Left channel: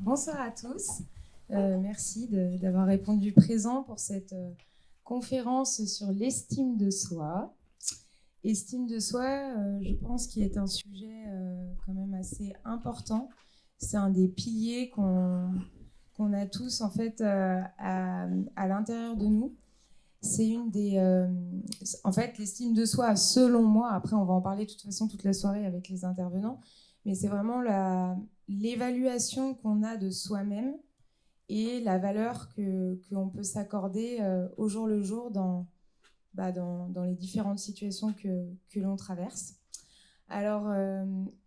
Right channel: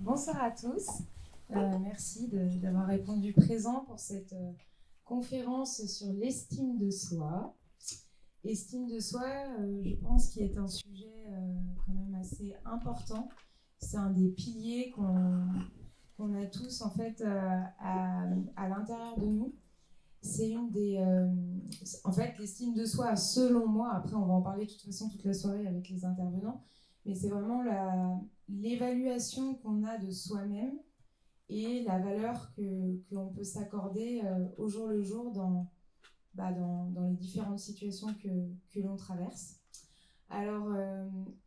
Bonsoir à tous. Merci d'avoir répondu présent pour cette conférence sur l'estime de soi. Estime de soi, je pense qu'il est un sujet quand même assez important. C'est un des piliers qu'on a tous en fait à l'intérieur de nous. C'est une des, en fait, l'estime de soi, selon moi, après on va en parler de toute façon toute la soirée avec les intervenants, mais c'est vraiment l'évaluation qu'on a de soi-même et la valeur qu'on peut s'accorder au jour le jour dans les différentes situations que l'on traverse. Alors,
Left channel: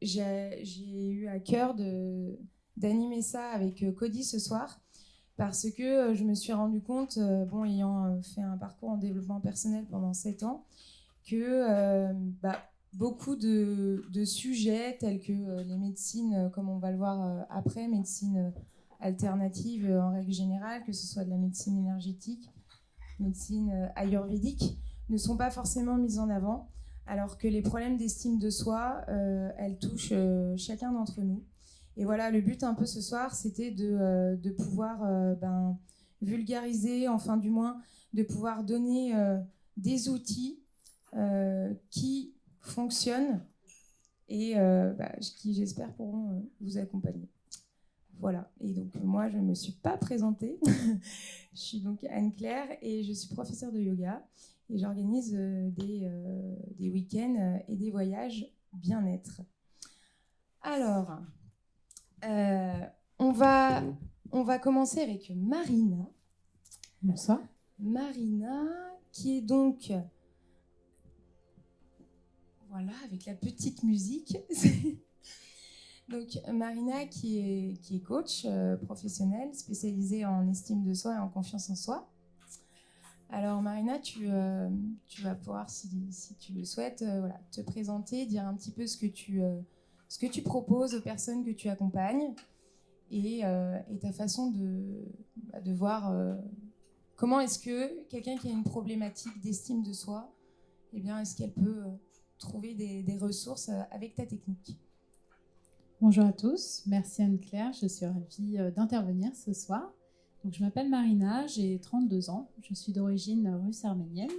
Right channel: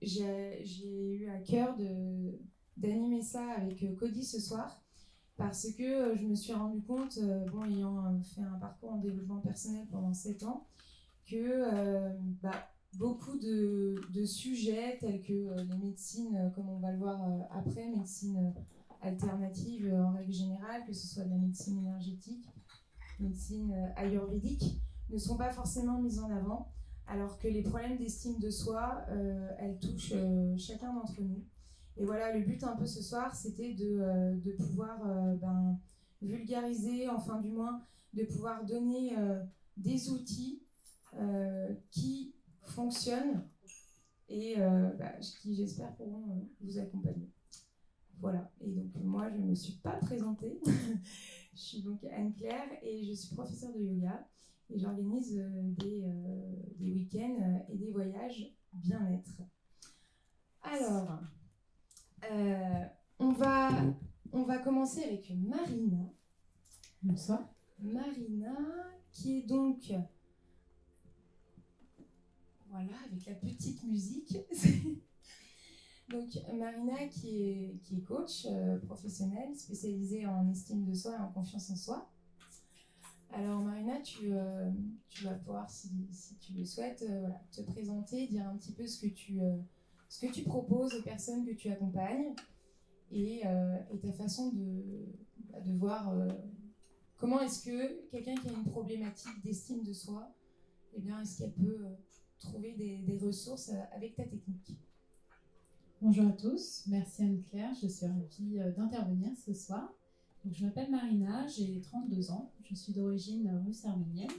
j'ai eu à cœur d'animer ça avec Cody ce soir parce que je me suis rendu compte, ayant fait un parcours en développement personnel pendant 7 ans, que beaucoup de sujets tels que les médecines, comme on va le voir après, médecine alternative en règle générale, que ce soit de la médecine énergétique, médecine ayurvédique, ne sont pas forcément mises en avant, alors que les problèmes d'estime de soi, elles touchent chacun d'entre nous. Et voilà, le but un peu ce soir, c'était de pouvoir vulgariser, enfin du moins, de pouvoir donner des outils qui fonctionnent et qui, j'espère, pourront vous accompagner. Voilà, et donc moi, je ne me suis pas présentée. Je suis donc Anne-Claire et je suis professeure de yoga et j'organise des week-ends et des voyages bien-être. Alors, on va commencer avec Marina. Bonsoir. Marina, qui est donc... Voilà, avec la petite musique. Donc, Marina, qui est coach professionnelle, spécialisée en estime de soi et en confiance en soi. Alors, Marina, tu vas pouvoir, si tu le souhaites, te présenter, dire un petit peu ce que tu proposes aux personnes que tu accompagnes et ta façon de voir comment est-ce que quelqu'un qui a une problématique d'estime de soi, eh bien, est-ce qu'elle peut trouver des ressources avec ta technique. Bonjour à tous, merci Anne-Claire, je suis ravie d'intervenir ce soir. Donc, je m'appelle Marina, j'ai 32 ans, je suis d'origine russe arménienne.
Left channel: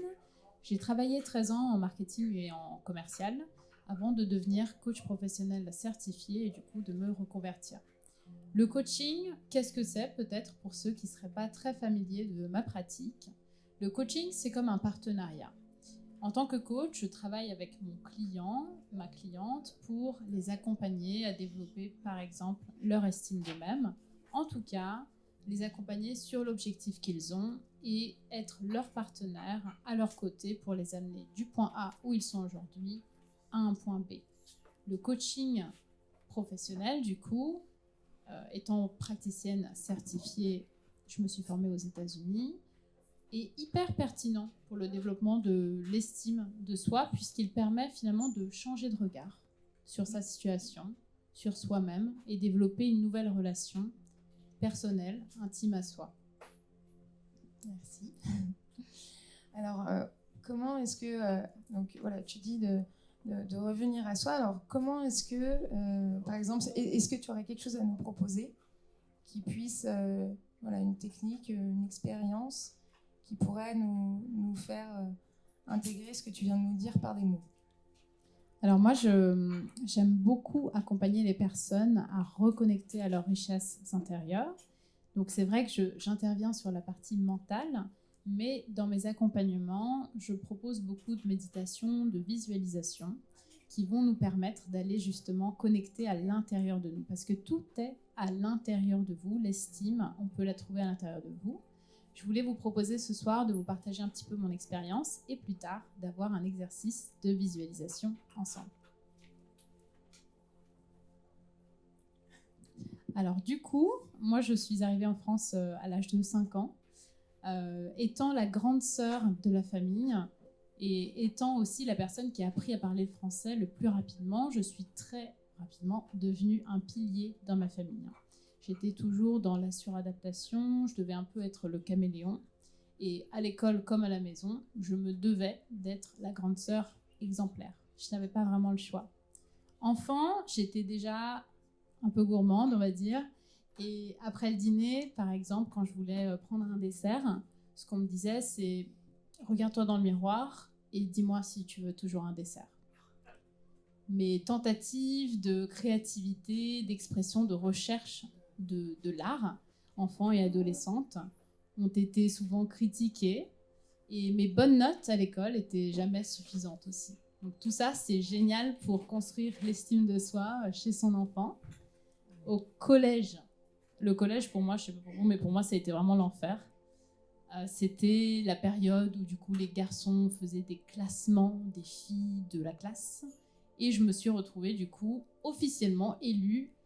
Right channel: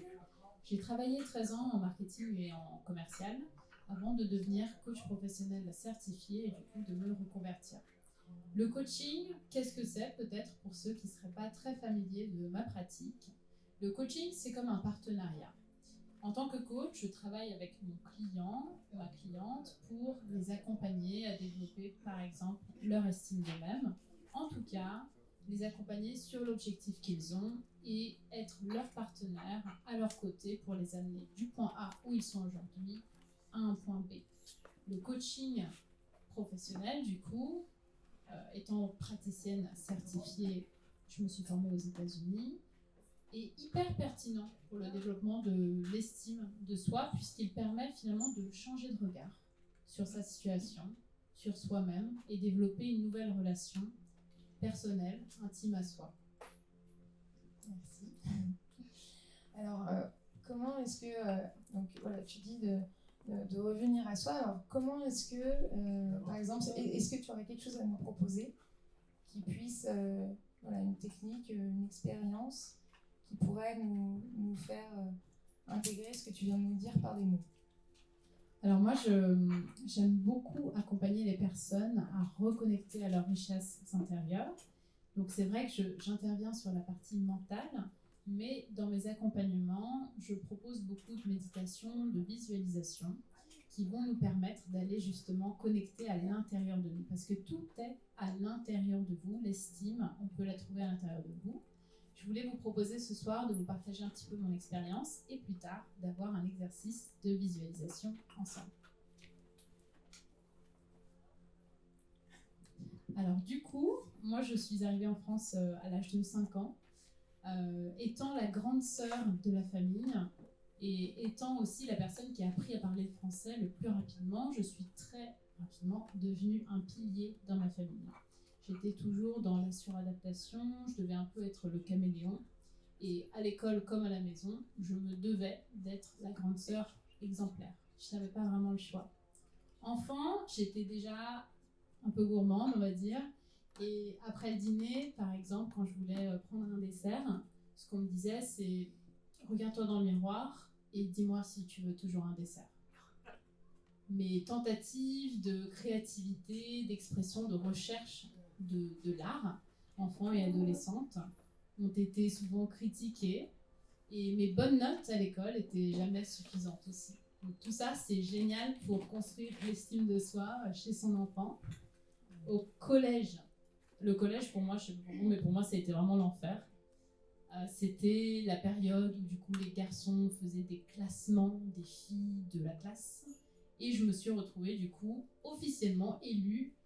J'ai travaillé 13 ans en marketing et en commercial avant de devenir coach professionnel certifié et du coup de me reconvertir. Le coaching, qu'est-ce que c'est peut-être pour ceux qui ne seraient pas très familiers de ma pratique? Le coaching, c'est comme un partenariat. En tant que coach, je travaille avec mon client, ma cliente, pour les accompagner à développer, par exemple, leur estime d'eux-mêmes. En tout cas, les accompagner sur l'objectif qu'ils ont et être leur partenaire à leur côté pour les amener du point A où ils sont aujourd'hui à un point B. Le coaching professionnel, du coup, étant praticienne certifiée, je me suis formée aux États-Unis, est hyper pertinent pour le développement de l'estime de soi, puisqu'il permet finalement de changer de regard sur sa situation, sur soi-même, et développer une nouvelle relation personnelle, intime à soi. Merci. Alors, comment est-ce que... donc voilà, tu dis de revenir à soi. Alors, comment est-ce que, par exemple, est-ce que tu aurais quelque chose à nous proposer qui puisse, une technique, une expérience qui pourrait nous faire intégrer ce que tu viens de nous dire par des mots? Alors moi, j'aime beaucoup accompagner les personnes à reconnecter à leurs richesses intérieures. Donc c'est vrai que j'interviens sur la partie mentale, mais dans mes accompagnements, je propose beaucoup de méditation, de visualisation, qui vont nous permettre d'aller justement connecter à l'intérieur de nous. Parce que tout est à l'intérieur de vous. L'estime, on peut la trouver à l'intérieur de vous. Je voulais vous proposer ce soir de vous partager un petit peu mon expérience et plus tard d'avoir un exercice de visualisation ensemble. Alors du coup, moi je suis arrivée en France à l'âge de 5 ans, étant la grande sœur de la famille et étant aussi la personne qui a appris à parler le français le plus rapidement, je suis très rapidement devenue un pilier dans ma famille. J'étais toujours dans la suradaptation, je devais un peu être le caméléon. Et à l'école comme à la maison, je me devais d'être la grande sœur exemplaire. Je n'avais pas vraiment le choix. Enfant, j'étais déjà un peu gourmande, on va dire, Et après le dîner, par exemple, quand je voulais prendre un dessert, ce qu'on me disait, c'est « Regarde-toi dans le miroir et dis-moi si tu veux toujours un dessert ». Mes tentatives de créativité, d'expression, de recherche de l'art, enfants et adolescentes, ont été souvent critiquées. Et mes bonnes notes à l'école étaient jamais suffisantes aussi. Donc tout ça, c'est génial pour construire l'estime de soi chez son enfant. Au collège, le collège pour moi, je sais pas pour vous, mais pour moi, ça a été vraiment l'enfer. C'était la période où du coup les garçons faisaient des classements des filles de la classe. Et je me suis retrouvée du coup officiellement élue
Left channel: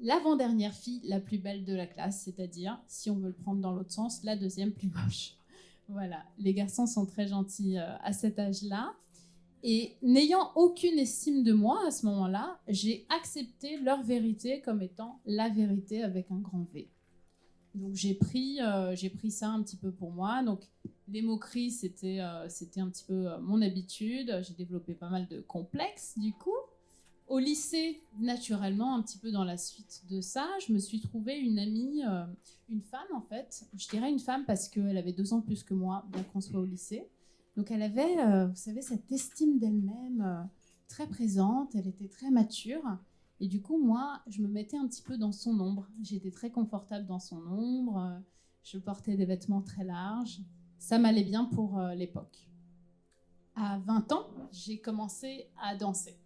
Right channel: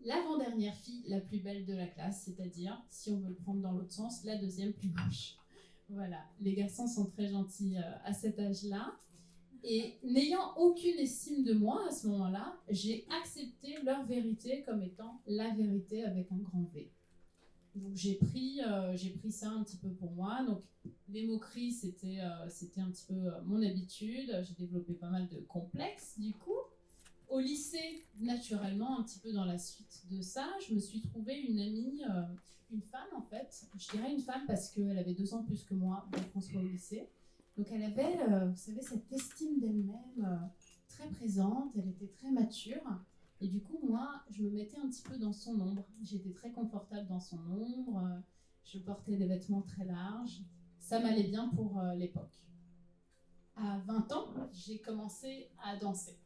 l'avant-dernière fille la plus belle de la classe, c'est-à-dire, si on veut le prendre dans l'autre sens, la deuxième plus moche. Voilà, les garçons sont très gentils à cet âge-là. Et n'ayant aucune estime de moi à ce moment-là, j'ai accepté leur vérité comme étant la vérité avec un grand V. Donc j'ai pris ça un petit peu pour moi. Donc les moqueries, c'était un petit peu mon habitude. J'ai développé pas mal de complexes du coup. Au lycée, naturellement, un petit peu dans la suite de ça, je me suis trouvée une amie, une femme en fait. Je dirais une femme parce qu'elle avait 2 ans plus que moi, bien qu'on soit au lycée. Donc elle avait, vous savez, cette estime d'elle-même très présente. Elle était très mature. Et du coup, moi, je me mettais un petit peu dans son ombre. J'étais très confortable dans son ombre. Je portais des vêtements très larges. Ça m'allait bien pour l'époque. À 20 ans, j'ai commencé à danser.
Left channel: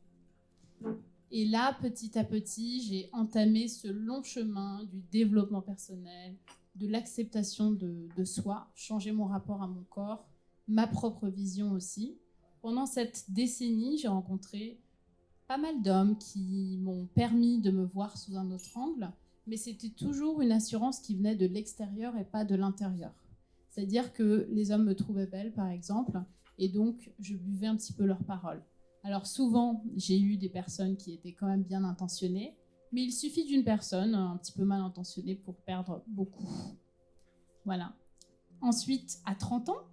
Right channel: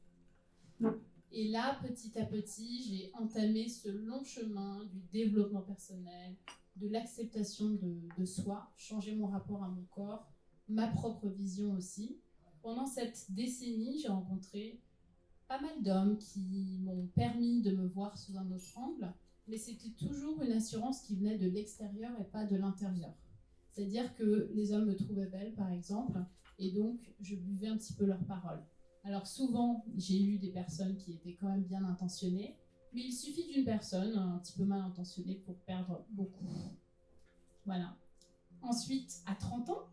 Et là, petit à petit, j'ai entamé ce long chemin du développement personnel, de l'acceptation de soi, changer mon rapport à mon corps, ma propre vision aussi. Pendant cette décennie, j'ai rencontré pas mal d'hommes qui m'ont permis de me voir sous un autre angle, mais c'était toujours une assurance qui venait de l'extérieur et pas de l'intérieur. C'est-à-dire que les hommes me trouvaient belle, par exemple, et donc je buvais un petit peu leurs paroles. Alors souvent, j'ai eu des personnes qui étaient quand même bien intentionnées, mais il suffit d'une personne un petit peu mal intentionnée pour perdre beaucoup. Voilà. Ensuite, à 30 ans,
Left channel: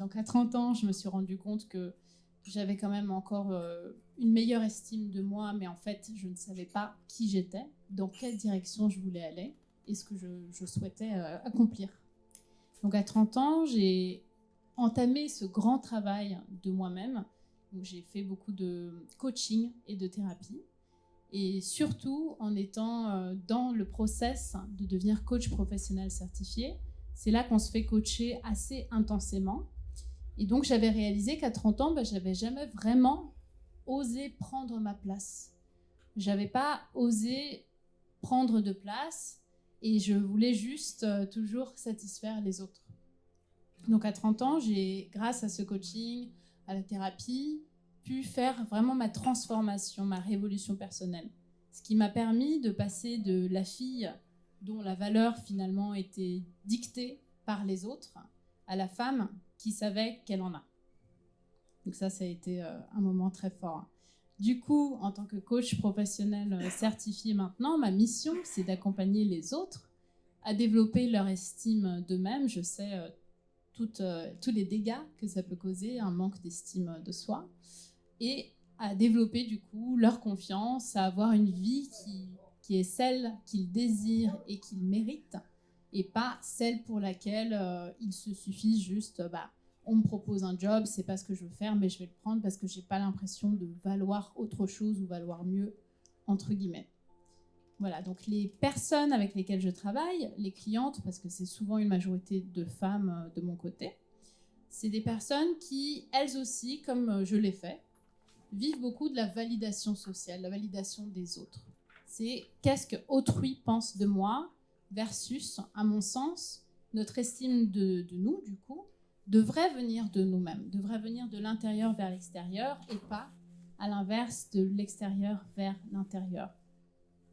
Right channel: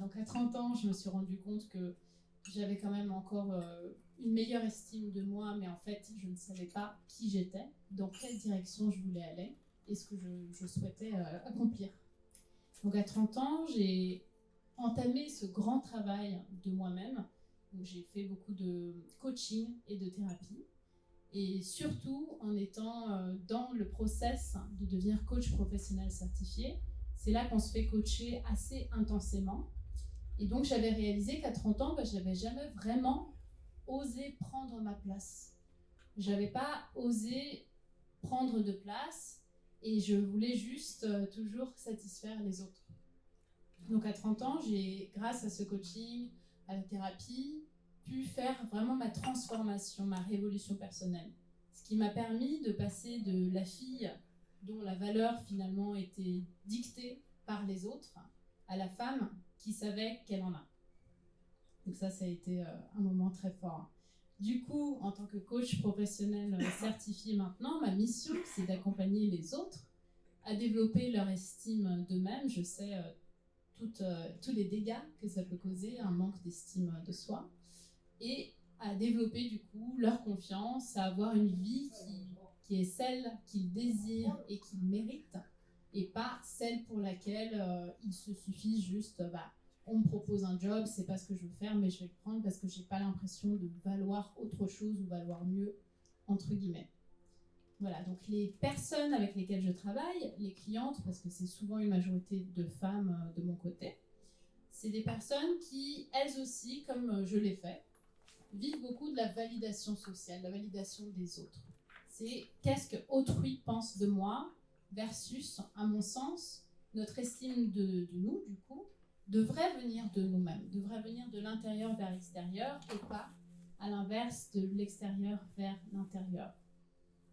donc à 30 ans, je me suis rendu compte que j'avais quand même encore une meilleure estime de moi, mais en fait, je ne savais pas qui j'étais, dans quelle direction je voulais aller et ce que je souhaitais accomplir. Donc à 30 ans, j'ai entamé ce grand travail de moi-même. Donc j'ai fait beaucoup de coaching et de thérapie. Et surtout, en étant dans le process de devenir coach professionnel certifié, c'est là qu'on se fait coacher assez intensément. Et donc, j'avais réalisé qu'à 30 ans, je n'avais jamais vraiment osé prendre ma place. Je n'avais pas osé prendre de place et je voulais juste toujours satisfaire les autres. Donc, à 30 ans, j'ai, grâce à ce coaching, à la thérapie, pu faire vraiment ma transformation, ma révolution personnelle. Ce qui m'a permis de passer de la fille dont la valeur finalement était dictée par les autres à la femme qui savait qu'elle en a. Donc ça a été un moment très fort. Du coup, en tant que coach professionnel certifié maintenant, ma mission, c'est d'accompagner les autres à développer leur estime d'eux-mêmes. Je sais tous les dégâts que ça peut causer, un manque d'estime de soi, et à développer du coup leur confiance, à avoir une vie qui est celle qu'ils désirent et qu'ils méritent, et pas celle pour laquelle il se suffit juste, on me propose un job, c'est pas ce que je veux faire, mais je vais le prendre parce que j'ai pas l'impression de valoir autre chose ou valoir mieux, entre guillemets. Voilà, donc les personnes avec lesquelles je travaille, les clientes, parce que c'est souvent une majorité de femmes de mon côté, c'est des personnes qui, elles aussi, comme je l'ai fait, vivent beaucoup de la validation sociale, la validation des autres. C'est qu'est-ce que autrui pense de moi versus, à mon sens, notre estime de nous, du coup, devrait venir de nous-mêmes, devrait venir de l'intérieur vers l'extérieur et pas, à l'inverse, de l'extérieur vers l'intérieur.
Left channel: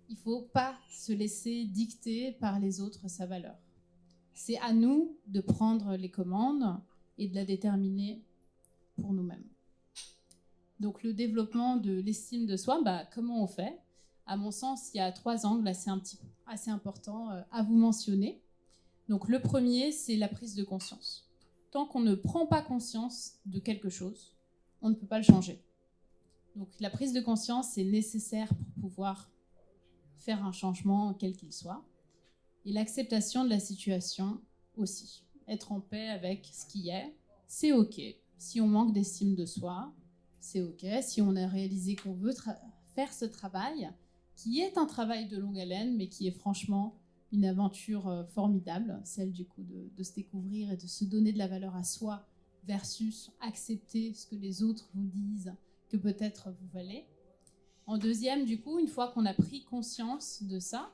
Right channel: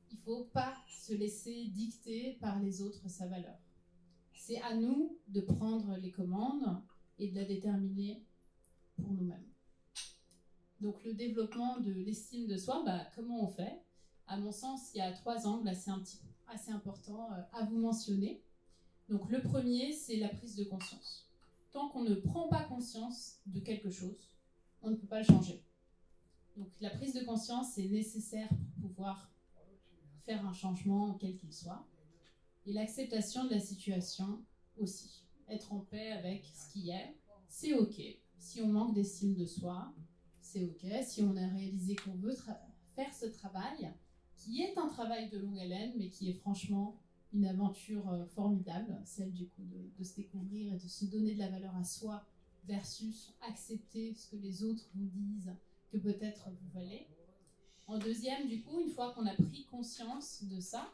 Il ne faut pas se laisser dicter par les autres sa valeur. C'est à nous de prendre les commandes et de la déterminer pour nous-mêmes. Donc le développement de l'estime de soi, comment on fait ? À mon sens, il y a 3 angles assez importants à vous mentionner. Donc le premier, c'est la prise de conscience. Tant qu'on ne prend pas conscience de quelque chose, on ne peut pas le changer. Donc la prise de conscience est nécessaire pour pouvoir faire un changement quel qu'il soit. Et l'acceptation de la situation aussi. Être en paix avec ce qui est, c'est OK. Si on manque d'estime de soi, c'est OK. Si on a réalisé qu'on veut faire ce travail, qui est un travail de longue haleine, mais qui est franchement une aventure formidable, celle du coup de se découvrir et de se donner de la valeur à soi versus accepter ce que les autres vous disent que peut-être vous valez. En deuxième, du coup, une fois qu'on a pris conscience de ça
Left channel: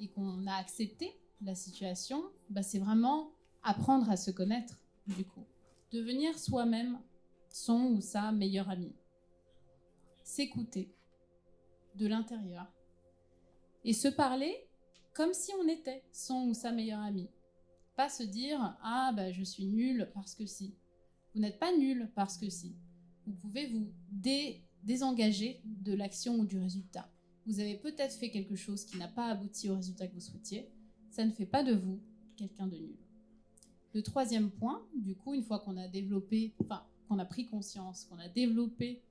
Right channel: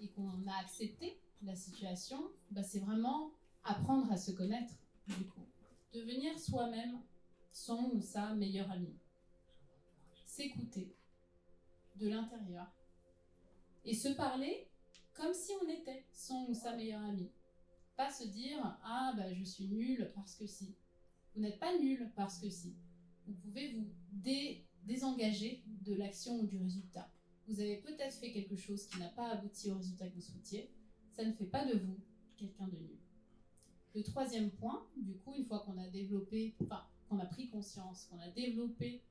et qu'on a accepté la situation, c'est vraiment apprendre à se connaître, du coup. Devenir soi-même son ou sa meilleure amie. S'écouter de l'intérieur. Et se parler comme si on était son ou sa meilleure amie. Pas se dire « Ah, je suis nulle parce que si ». Vous n'êtes pas nul parce que si. Vous pouvez vous désengager de l'action ou du résultat. Vous avez peut-être fait quelque chose qui n'a pas abouti au résultat que vous souhaitiez. Ça ne fait pas de vous quelqu'un de nul. Le troisième point, du coup, une fois qu'on a développé, qu'on a pris conscience, qu'on a développé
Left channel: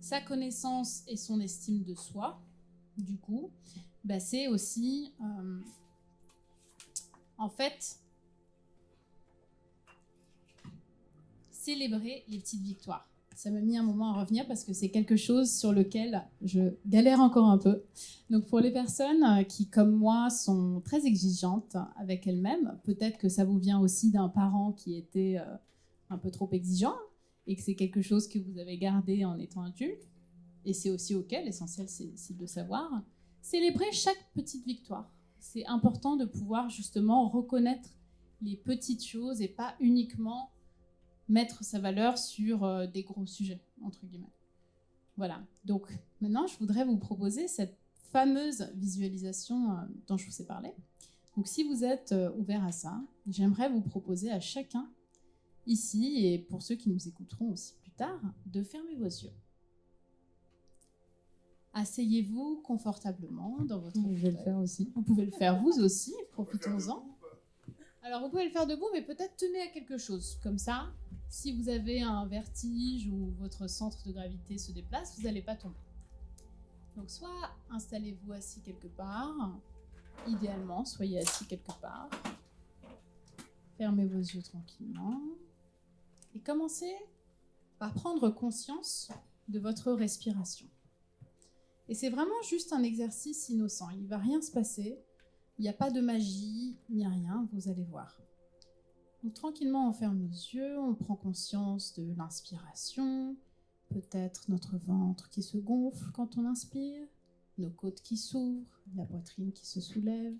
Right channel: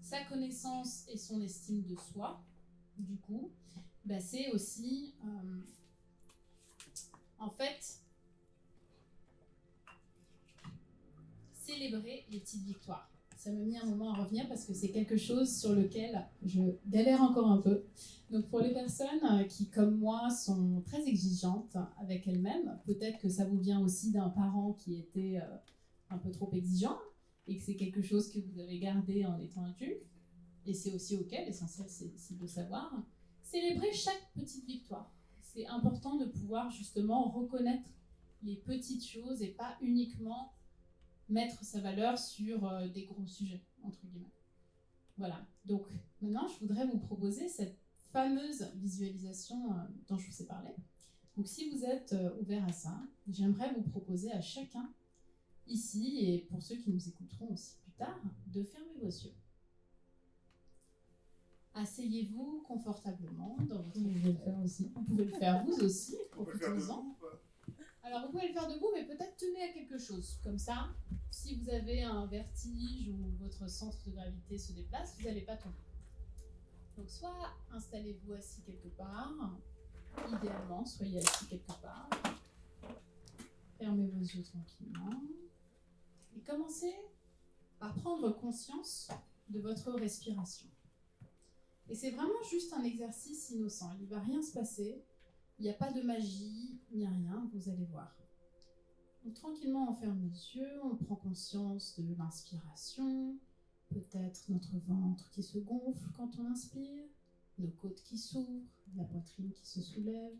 sa connaissance et son estime de soi, du coup, c'est aussi, en fait, célébrer les petites victoires. Ça m'a mis un moment à revenir parce que c'est quelque chose sur lequel je galère encore un peu. Donc pour les personnes qui, comme moi, sont très exigeantes avec elles-mêmes, peut-être que ça vous vient aussi d'un parent qui était un peu trop exigeant et que c'est quelque chose que vous avez gardé en étant adulte. Et c'est aussi OK, l'essentiel c'est de savoir. Célébrer chaque petite victoire. C'est important de pouvoir justement reconnaître les petites choses et pas uniquement mettre sa valeur sur des gros sujets, entre guillemets. Voilà. Donc, maintenant, je voudrais vous proposer cette fameuse visualisation dont je vous ai parlé. Donc, si vous êtes ouvert à ça, j'aimerais vous proposer à chacun, ici, et pour ceux qui nous écouteront aussi plus tard, de fermer vos yeux. Asseyez-vous confortablement dans votre fauteuil. Vous pouvez le faire aussi. Vous pouvez le faire vous aussi, profitons-en. Alors, vous pouvez le faire debout, mais peut-être tenez à quelque chose. Comme ça, si vous avez un vertige ou votre centre de gravité se déplace, vous n'allez pas tomber. Donc, soit installez-vous assis quelque part. Idéalement, soyez assis quelque part. Fermez vos yeux tranquillement. Et commencez par prendre conscience de votre respiration. Et c'est vraiment juste un exercice innocent. Il ne va rien se passer. Il n'y a pas de magie, ni rien, vous allez voir. Donc tranquillement, on ferme nos yeux, on prend conscience de l'inspiration, peut-être notre ventre qui se gonfle quand on inspire, nos côtes qui s'ouvrent, la poitrine qui se soulève.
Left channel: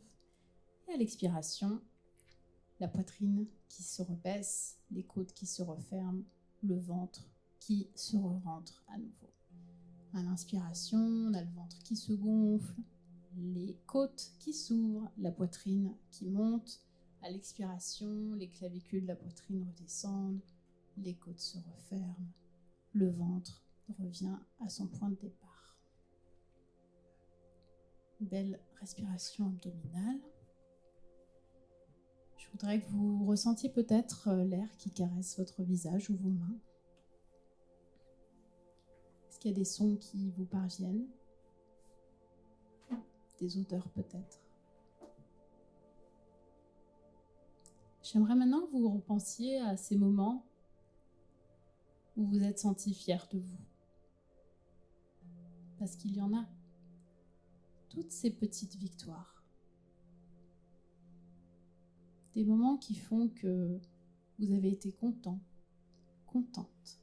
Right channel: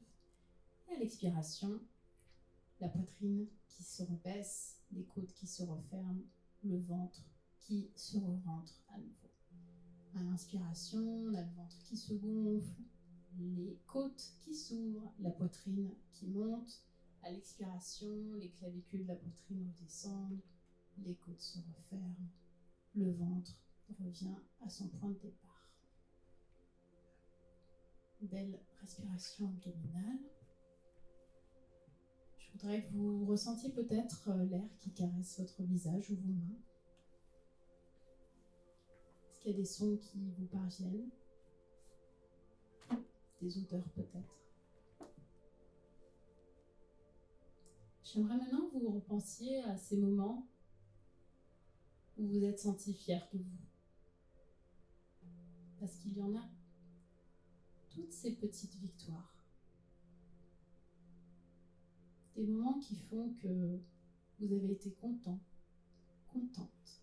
Et à l'expiration, la poitrine qui se rebaisse, les côtes qui se referment, le ventre qui se rentre à nouveau. À l'inspiration, on a le ventre qui se gonfle, les côtes qui s'ouvrent, la poitrine qui monte. À l'expiration, les clavicules de la poitrine redescendent, les côtes se referment, le ventre revient à son point de départ. Belle respiration abdominale. Je voudrais que vous ressentiez peut-être l'air qui caresse votre visage ou vos mains. Est-ce qu'il y a des sons qui vous parviennent ? Des odeurs peut-être. J'aimerais maintenant que vous repensiez à ces moments où vous êtes senti fier de vous. Parce qu'il y en a. Toutes ces petites victoires. Des moments qui font que vous avez été content, contente.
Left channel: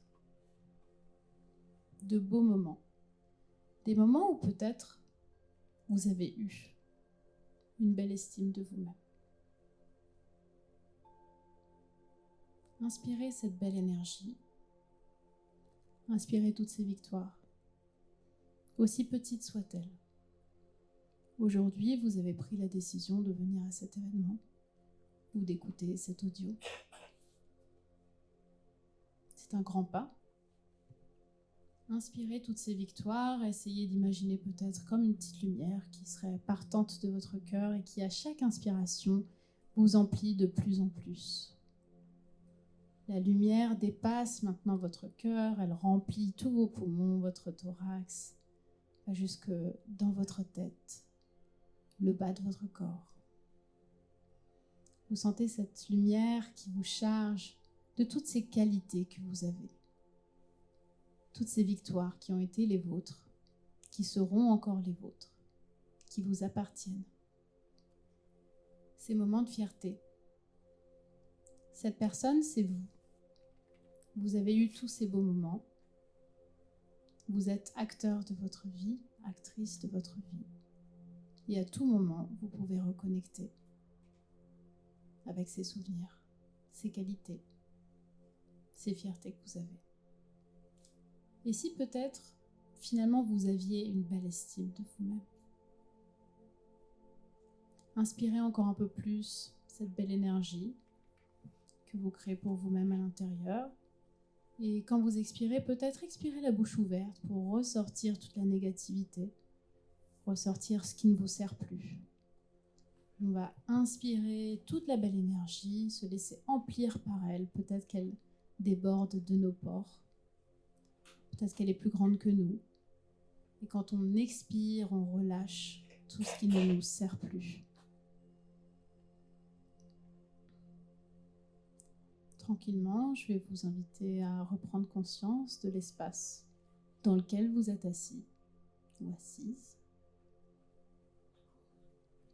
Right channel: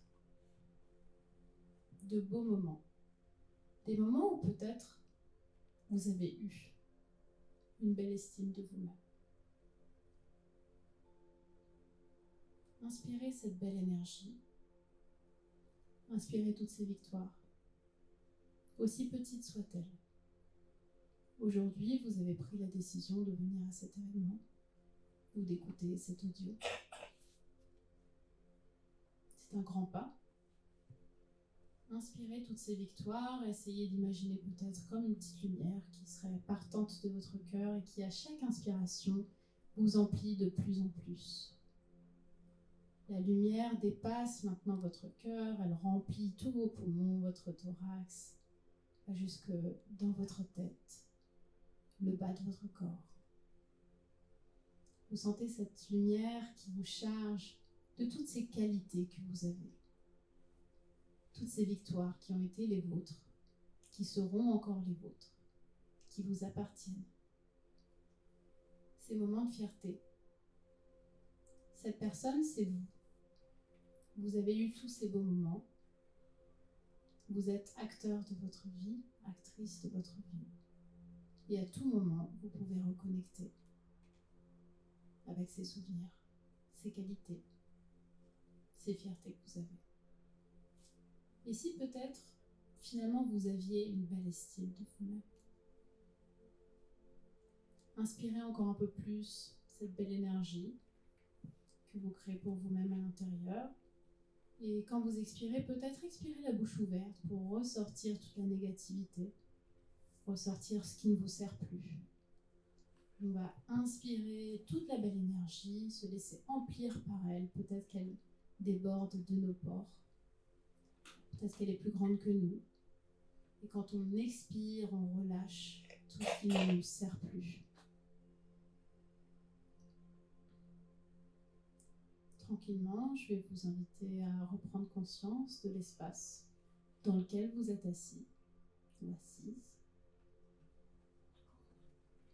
De beaux moments. Des moments où peut-être vous avez eu une belle estime de vous-même. Inspirez cette belle énergie. Inspirez toutes ces victoires, aussi petites soient-elles. Aujourd'hui, vous avez pris la décision de venir à cet événement ou d'écouter cet audio. C'est un grand pas. Inspirez toutes ces victoires, essayez d'imaginer peut-être comme une petite lumière qui serait partante de votre cœur et qui, à chaque inspiration, vous emplit de plus en plus. La lumière dépasse maintenant votre cœur, elle remplit tous vos poumons, votre thorax, jusque dans votre tête. le bas de votre corps. Vous sentez cette lumière qui vous charge de toutes ces qualités que vous avez, toutes ces victoires qui ont été les vôtres, qui seront encore les vôtres, qui vous appartiennent. Ces moments de fierté. Cette personne, c'est vous. Vous avez eu tous ces beaux moments. Vous êtes acteur de votre vie, actrice de votre vie. Et à tout moment, vous pouvez reconnecter avec ces souvenirs, ces qualités, ces fiertés que vous avez. Et si peut-être, finalement, vous aviez une belle estime de vous-même? Inspirez encore un peu plus cette belle énergie que vous créez pour vous-même à l'intérieur. Et quand vous expirez, peut-être expirez la bouche ouverte pour ressortir toute la négativité, ressortir ce qui ne vous sert plus. On va inspirer toute la belle énergie, se laisser emplir par elle. Peut-être qu'elle déborde de nos pores. Peut-être qu'elle est plus grande que nous. Et quand on expire, on relâche tout ce qui ne nous sert plus. Tranquillement, je vais vous inviter à reprendre conscience de l'espace dans lequel vous êtes assis ou assise.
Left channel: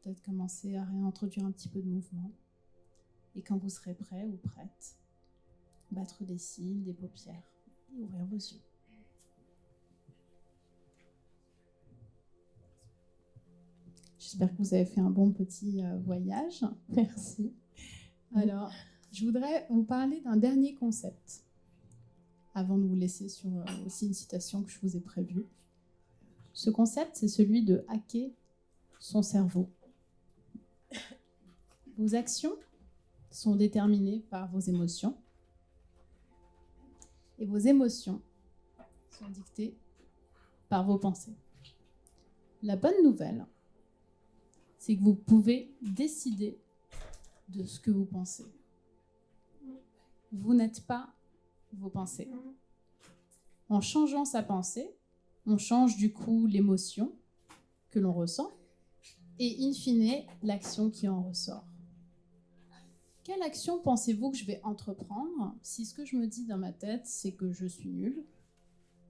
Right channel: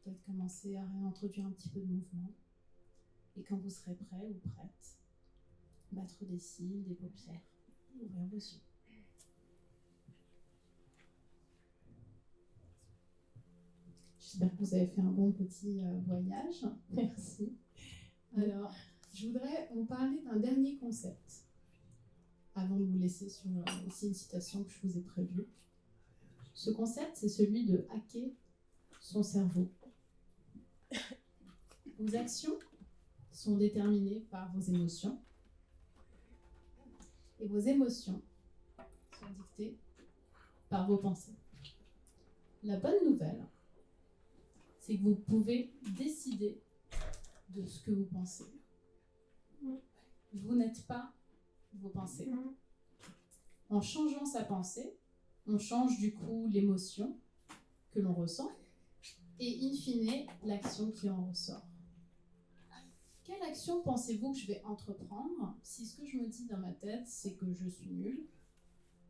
Peut-être commencer à réintroduire un petit peu de mouvement. Et quand vous serez prêt ou prête, battre des cils, des paupières et ouvrir vos yeux. J'espère que vous avez fait un bon petit voyage. Merci. Alors, je voudrais vous parler d'un dernier concept avant de vous laisser sur aussi une citation que je vous ai prévue. Ce concept, c'est celui de hacker son cerveau. Vos actions sont déterminées par vos émotions et vos émotions sont dictées par vos pensées. La bonne nouvelle, c'est que vous pouvez décider de ce que vous pensez. Vous n'êtes pas vos pensées. En changeant sa pensée, on change du coup l'émotion que l'on ressent et in fine l'action qui en ressort. Quelle action pensez-vous que je vais entreprendre si ce que je me dis dans ma tête c'est que je suis nulle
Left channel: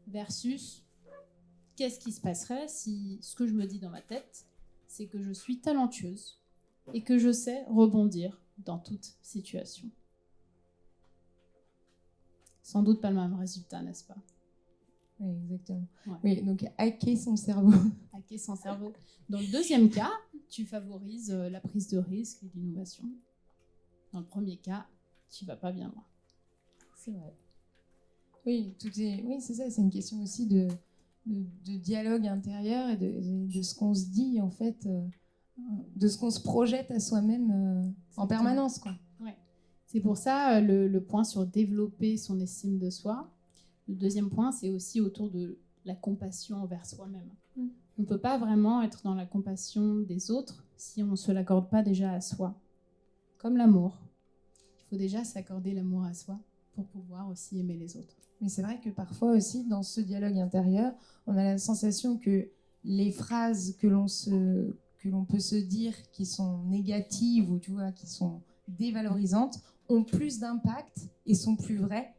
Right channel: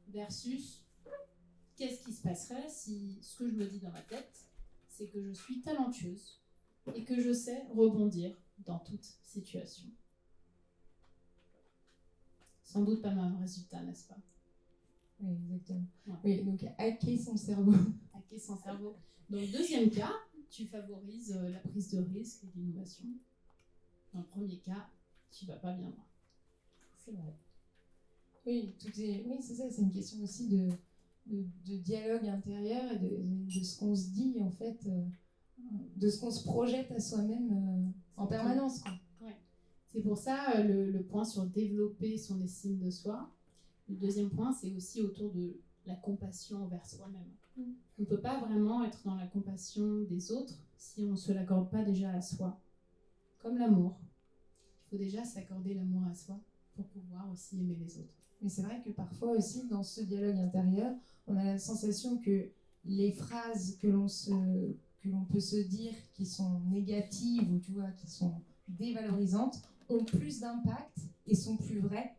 versus qu'est-ce qui se passerait si ce que je me dis dans ma tête c'est que je suis talentueuse et que je sais rebondir dans toute situation. Sans doute pas le même résultat, n'est-ce pas? Oui, exactement. Ouais. Oui, donc hacker son cerveau. Hacker son cerveau. Dans le deuxième cas, tu favorises la prise de risque et l'innovation. Dans le premier cas, tu vas pas bien loin. C'est vrai. Oui, c'est ça, c'est une question aussi de dialogue intérieur et de ce qu'on se dit, en fait, de ce qu'on se projette à soi-même en permanence, quoi. Ouais. C'est pour ça le point sur développer son estime de soi. Le deuxième point, c'est aussi autour de la compassion envers soi-même. On ne peut pas vraiment être dans la compassion des autres si on ne se l'accorde pas déjà à soi. Comme l'amour. Il faut déjà s'accorder l'amour à soi pour pouvoir aussi aimer les autres. Mais c'est vrai que parfois aussi, dans ce dialogue intérieur, on a la sensation que les phrases que l'on peut se dire qui sont négatives ou tu vois, qui sont dévalorisantes ont plus d'impact et sont plus vraies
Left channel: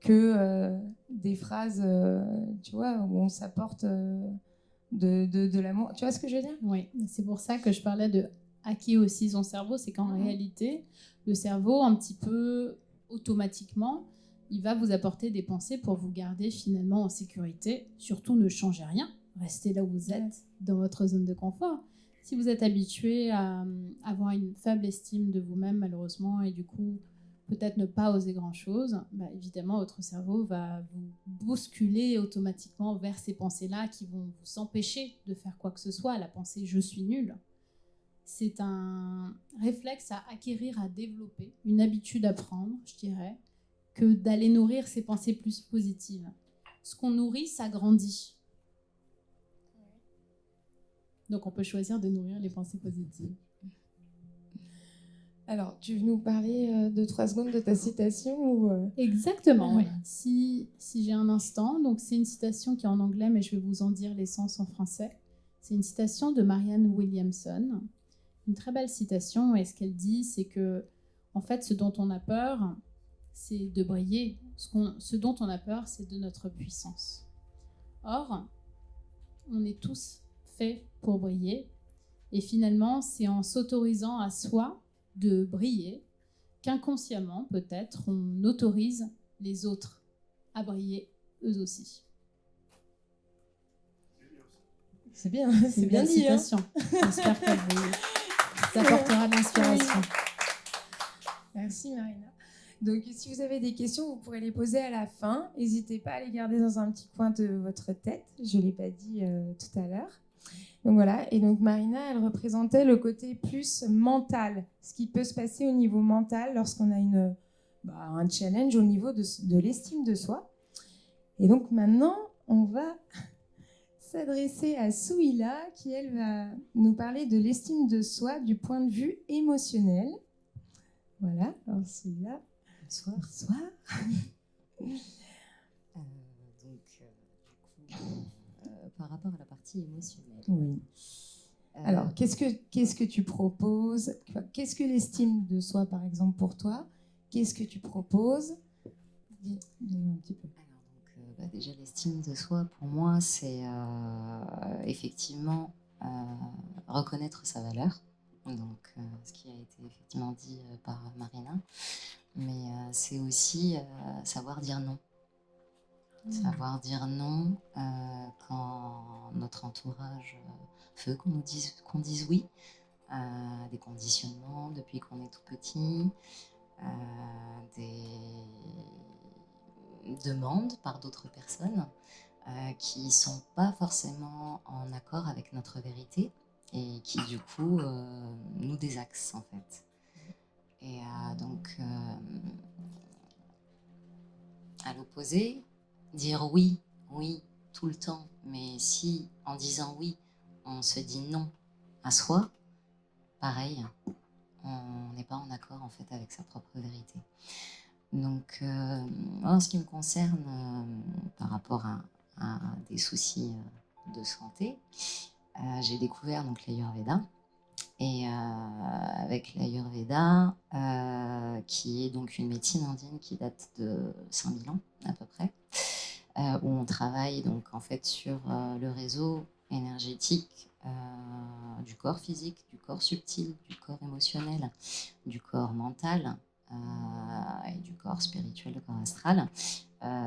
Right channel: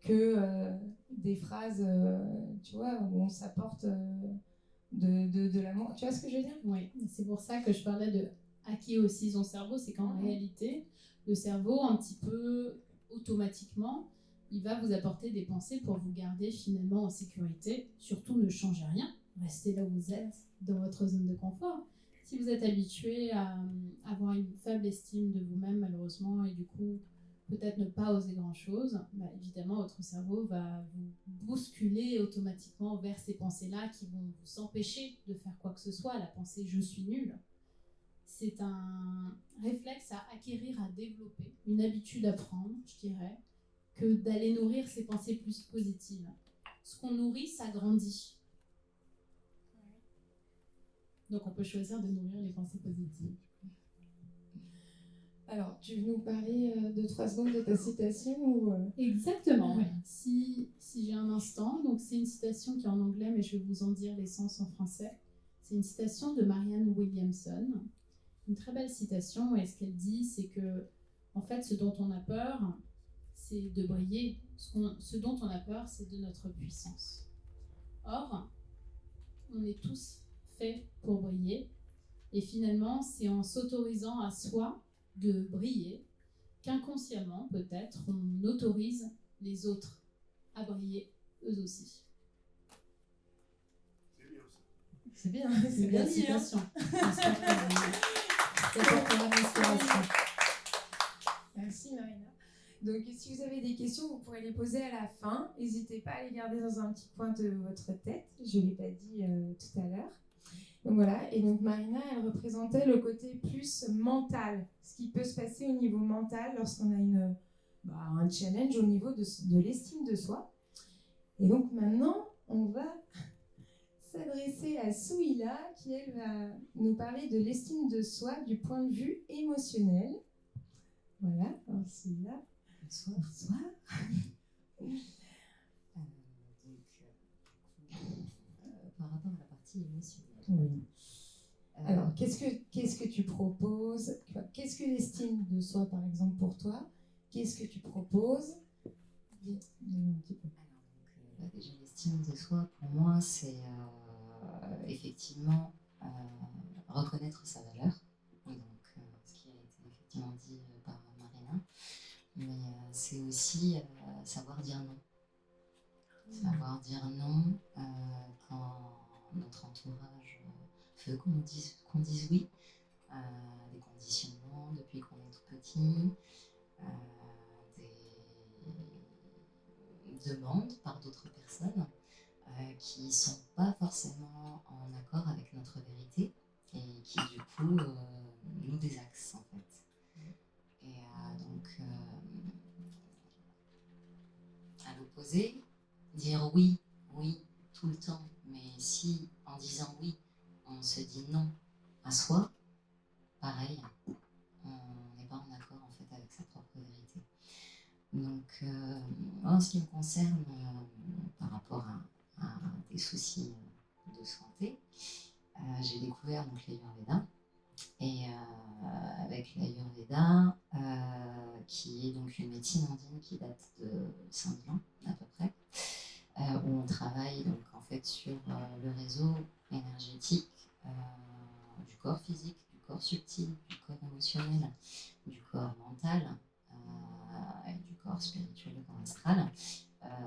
que des phrases, tu vois, où on s'apporte de l'amour. Tu vois ce que je veux dire? Oui, c'est pour ça que je parlais de hacker aussi son cerveau. C'est qu'en réalité, le cerveau, un petit peu automatiquement, il va vous apporter des pensées pour vous garder finalement en sécurité. Surtout, ne changez rien. Restez là où vous êtes, dans votre zone de confort. Si vous êtes habitué à avoir une faible estime de vous-même, malheureusement, et du coup, peut-être ne pas oser grand-chose, bah, évidemment, votre cerveau va vous bousculer automatiquement vers ces pensées-là qui vont vous empêcher de faire quoi que ce soit. La pensée « je suis nul », c'est un réflexe à acquérir, à développer, une habitude à prendre, je dirais, que d'aller nourrir ces pensées plus positives. Ce qu'on nourrit, ça grandit. Donc on peut choisir de nourrir les pensées positives. Alors, tu veux nous parler de 3 secondes de ta citation ou Exactement, oui. Si j'ai un instant, donc c'est une citation qui est en anglais, mais je vais vous en dire l'essence en français. C'est une citation de Marianne Williamson, une très belle citation, et ce qu'elle dit, c'est que, en fait, ce dont on a peur, c'est de briller. Ce dont on a peur, c'est de notre puissance. Or, on est tous faits pour briller, et finalement, c'est en s'autorisant à soi de briller qu'inconsciemment, peut-être, on autorise les autres à briller eux aussi. C'est bien, c'est bien dit. Citation. J'espère qu'elle apportera de l'inspiration. Merci Marina. Donc si vous avez des questions, vous pourrez les poser à la fin. N'hésitez pas à les garder dans un petit coin de votre tête. Je ne l'ai pas dit tout à l'heure. Donc voilà, et donc Marina, elle représentait le côté plus mental, ce qui peut se passer au niveau mental lorsqu'on a un challenge au niveau de l'estime de soi. Et donc maintenant, on va s'adresser à Souila, qui elle va nous parler de l'estime de soi du point de vue émotionnel. Voilà, alors Souila, bonsoir. Par rapport à la partie émotionnelle. Oui. Alors, qu'est-ce que tu proposes? Qu'est-ce que l'estime de soi, par exemple, pour toi? Qu'est-ce que tu proposes? Dis-nous un petit peu. Alors, donc, déjà, l'estime de soi, pour moi, c'est effectivement reconnaître sa valeur. Donc, ce qui a été effectivement dit par Marina. Mais c'est aussi savoir dire non. Savoir dire non quand notre entourage veut qu'on dise oui, des conditionnements depuis qu'on est tout petit, des demandes par d'autres personnes qui ne sont pas forcément en accord avec notre vérité et qui du coup nous désaxent en fait. Et donc à l'opposé, dire oui, tout le temps, mais si en disant oui, on se dit non à soi, pareil, on n'est pas en accord en fait avec sa propre vérité. Donc, en ce qui me concerne, par rapport à des soucis de santé, j'ai découvert donc l'Ayurveda. Et avec l'Ayurveda, qui est donc une médecine indienne qui date de 5000 ans à peu près, où on travaille donc en fait sur le réseau énergétique du corps physique, du corps subtil, du corps émotionnel, du corps mental et du corps spirituel, du corps astral.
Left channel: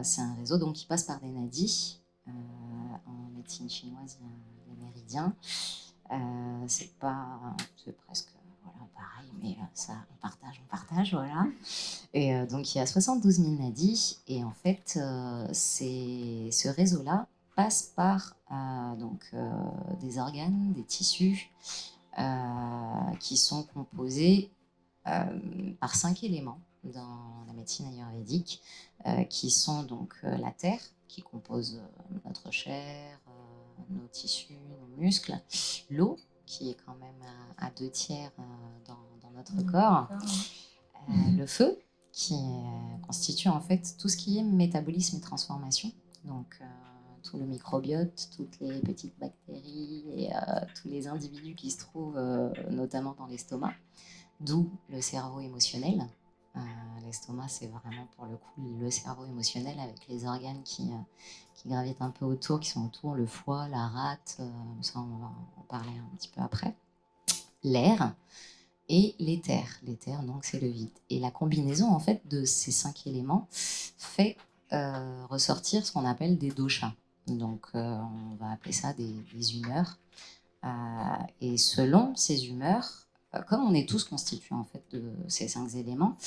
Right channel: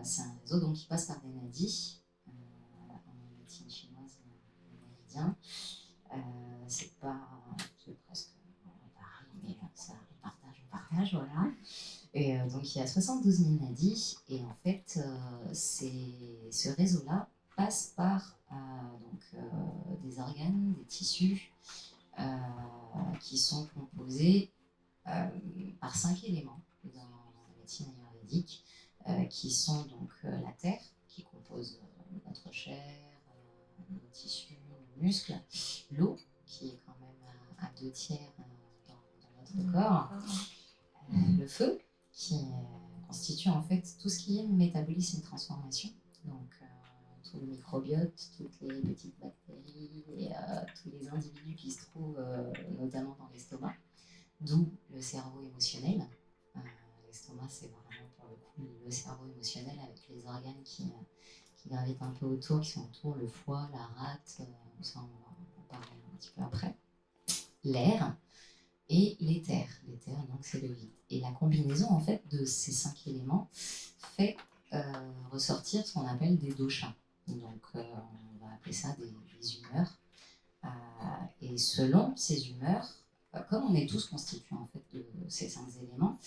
C'est un réseau donc qui passe par des nadis. En médecine chinoise, il y a les méridiens. C'est presque pareil, mais ça, on partage, voilà. Et donc, il y a 72 000 nadis, et en fait, ce réseau-là passe par des organes, des tissus, qui sont composés par 5 éléments dans la médecine ayurvédique, qui sont donc la terre, qui compose notre chair, nos tissus, nos muscles, l'eau, qui est quand même à 2/3 dans notre corps, le feu, qui constitue en fait tout ce qui est métabolisme et transformation, donc tout le microbiote, toutes les petites bactéries et tous les individus qui se trouvent notamment dans l'estomac, d'où le cerveau émotionnel. L'estomac, c'est vraiment pour le coup le cerveau émotionnel avec les organes qui gravitent un peu autour, qui sont autour, le foie, la rate, ça on va en parler un petit peu après. L'air et l'éther. L'éther, donc, c'est le vide. Et la combinaison, en fait, de ces 5 éléments fait ressortir ce qu'on appelle des doshas. Donc, on va appeler ça des humeurs. Et selon ces humeurs, comme on est tous constitués, en fait, de ces 5 éléments,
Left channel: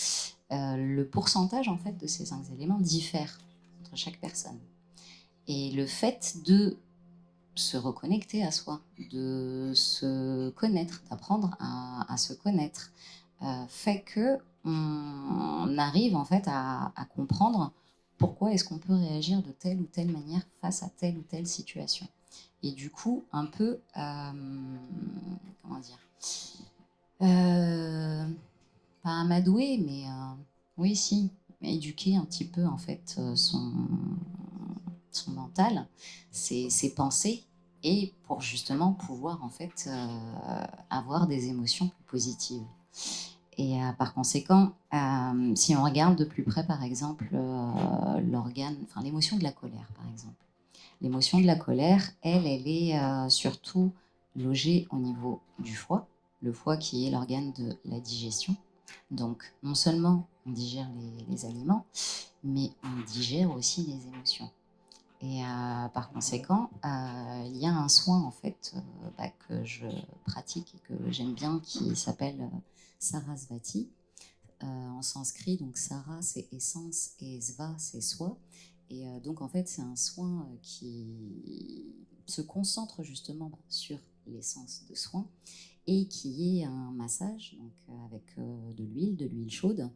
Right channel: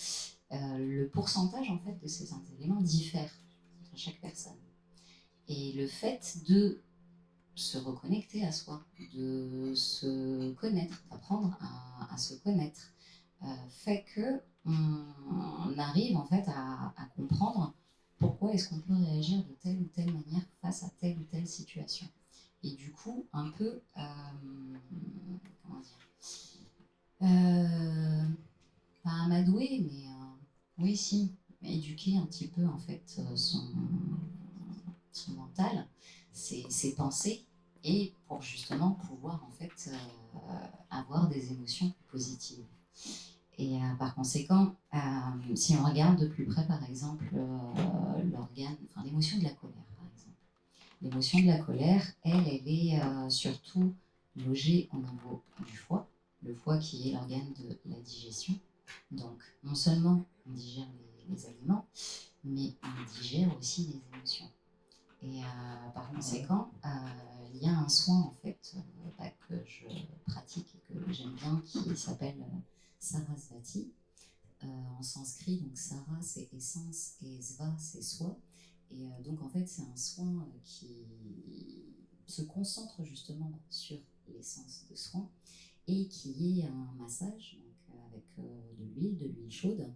le pourcentage, en fait, de ces 5 éléments diffère entre chaque personne. Et le fait de se reconnecter à soi, de se connaître, d'apprendre à se connaître, fait que on arrive en fait à comprendre pourquoi est-ce qu'on peut réagir de telle ou telle manière face à telle ou telle situation. Et du coup, un peu, comment dire, pas amadouer, mais oui, si, éduquer un petit peu en fait son mental, ses pensées, et pour justement pouvoir en fait avoir des émotions positives. Et par conséquent, si on regarde de plus près, par exemple, l'émotion de la colère, par exemple. L'émotion de la colère, elle est surtout logée au niveau du foie, le foie qui est l'organe de la digestion. Donc, non seulement on digère les aliments, mais on digère aussi les émotions. Et par conséquent, il y a un soin en fait que je pratique et que j'aime bien qui s'appelle Sarasvati. En sanskrit, donc Sara c'est essence et Sva c'est soi. Et donc en fait c'est un soin qui se concentre justement sur l'essence de soin et qui est un massage donc, avec de l'huile chaude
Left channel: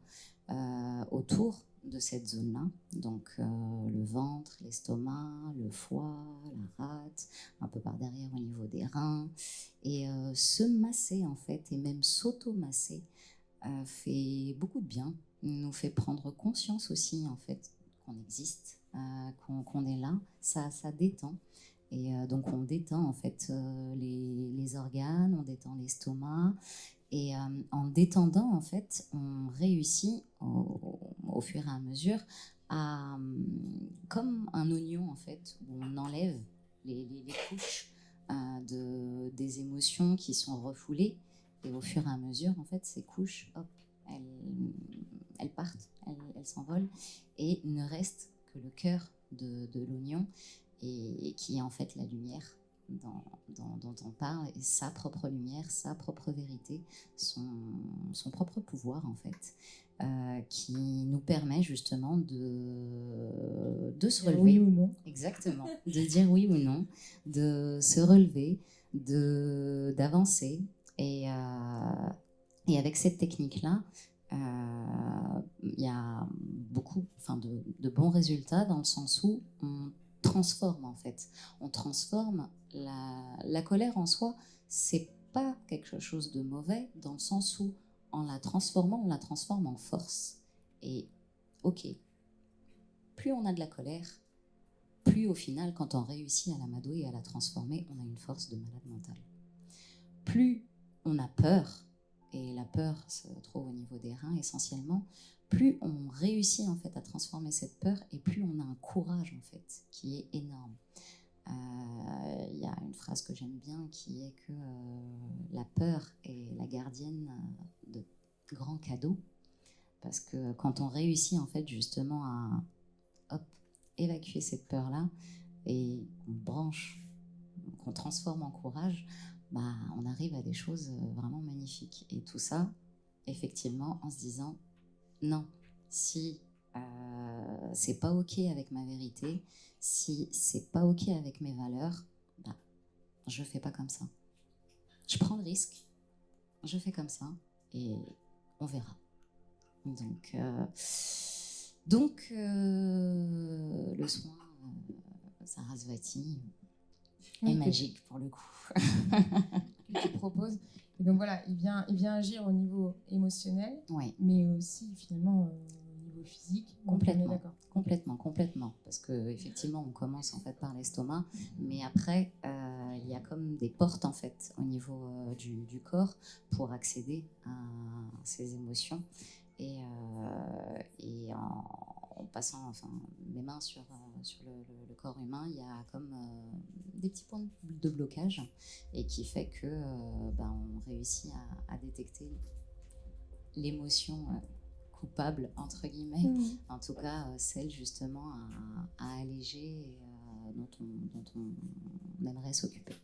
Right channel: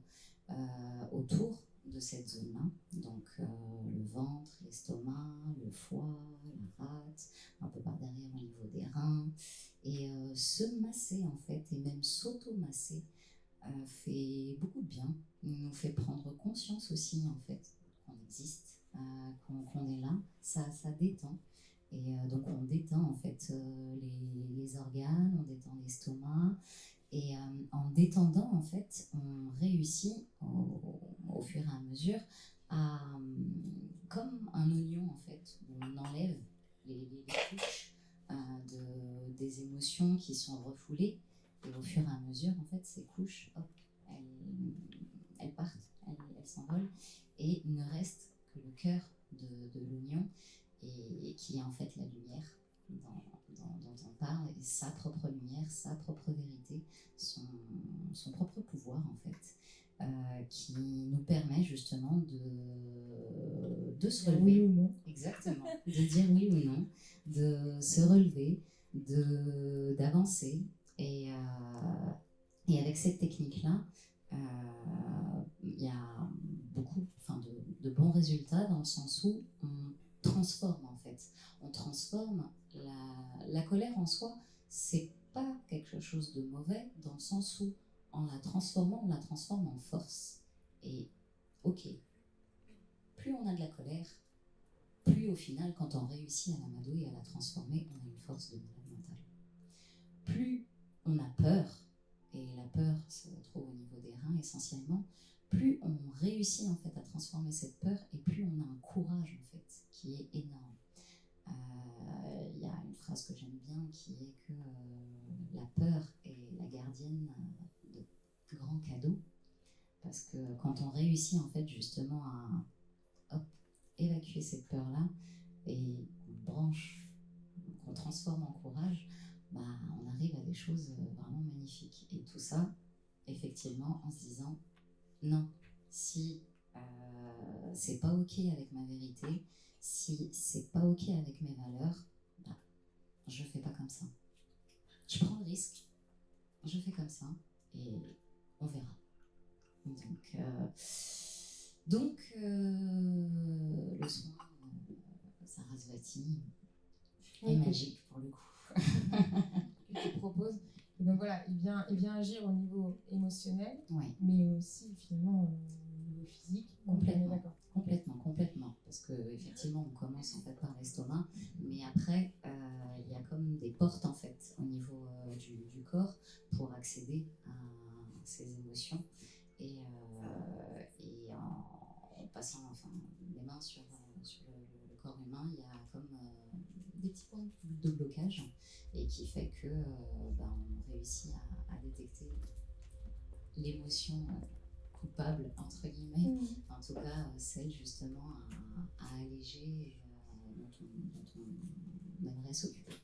autour de cette zone-là. Donc le ventre, l'estomac, le foie, la rate, un peu par derrière au niveau des reins. Et se masser en fait, et même s'auto-masser, fait beaucoup de bien, nous fait prendre conscience aussi en fait qu'on existe, qu'on est là, ça détend. Et donc on détend en fait les organes, on détend l'estomac. Et en détendant, en fait, on réussit au fur et à mesure à, comme un oignon, en fait, où on enlève les couches des émotions qui sont refoulées. Et au fur et à mesure, en fait, ces couches, hop, elles partent, elles s'envolent. Et il ne reste que le cœur de l'oignon, et qui est en fait la lumière dont on parle, et sa propre lumière, sa propre vérité, son propre pouvoir en fait, qui nous permet justement de se relever. Oui ou non. Exactement, de dire oui ou non, de se relever, d'avancer. Et avec cette technique-là, il y a beaucoup de bons résultats dans le sens où on transforme en fait. On transforme la colère en soi, c'est pas quelque chose de mauvais dans le sens où en la transformant, on la transforme en force. Et ok, plus on a de la colère, plus au final, quand on réussit à l'amadouer et à la transformer, on a une force de malade mental. Plus on a peur, et la peur se trouve au niveau des reins essentiellement, plus on réussit en fait à transformer cette peur, et plus on a un courage en fait qui est énorme. Il y a une phrase que j'aime bien qui est que la peur est la gardienne de grands cadeaux, parce que quand on réussit en fait justement à évacuer cette peur-là et qu'on branche, qu'on transforme en courage, on arrive à des choses vraiment magnifiques. Et tout ça, effectivement, en se disant non, si c'est pas ok avec ma vérité, si c'est pas ok avec mes valeurs, je fais pas comme ça. Je prends le risque, je fais comme ça et on verra. Donc le soin Sarasvati est magique pour le coup. Que tu proposes. Et donc voilà, il vient agir au niveau émotionnel, oui. Mais aussi finalement au niveau physique. Complètement. Parce qu'effectivement, on commence en fait par l'estomac, mais après, il y a comme des portes en fait au niveau du corps pour accéder à ces émotions. Et en passant les mains sur le corps humain, il y a comme des petits points de blocage, et qui fait que on réussit à détecter l'émotion coupable entre guillemets, en tout cas celle justement à alléger, dont on aimerait s'occuper.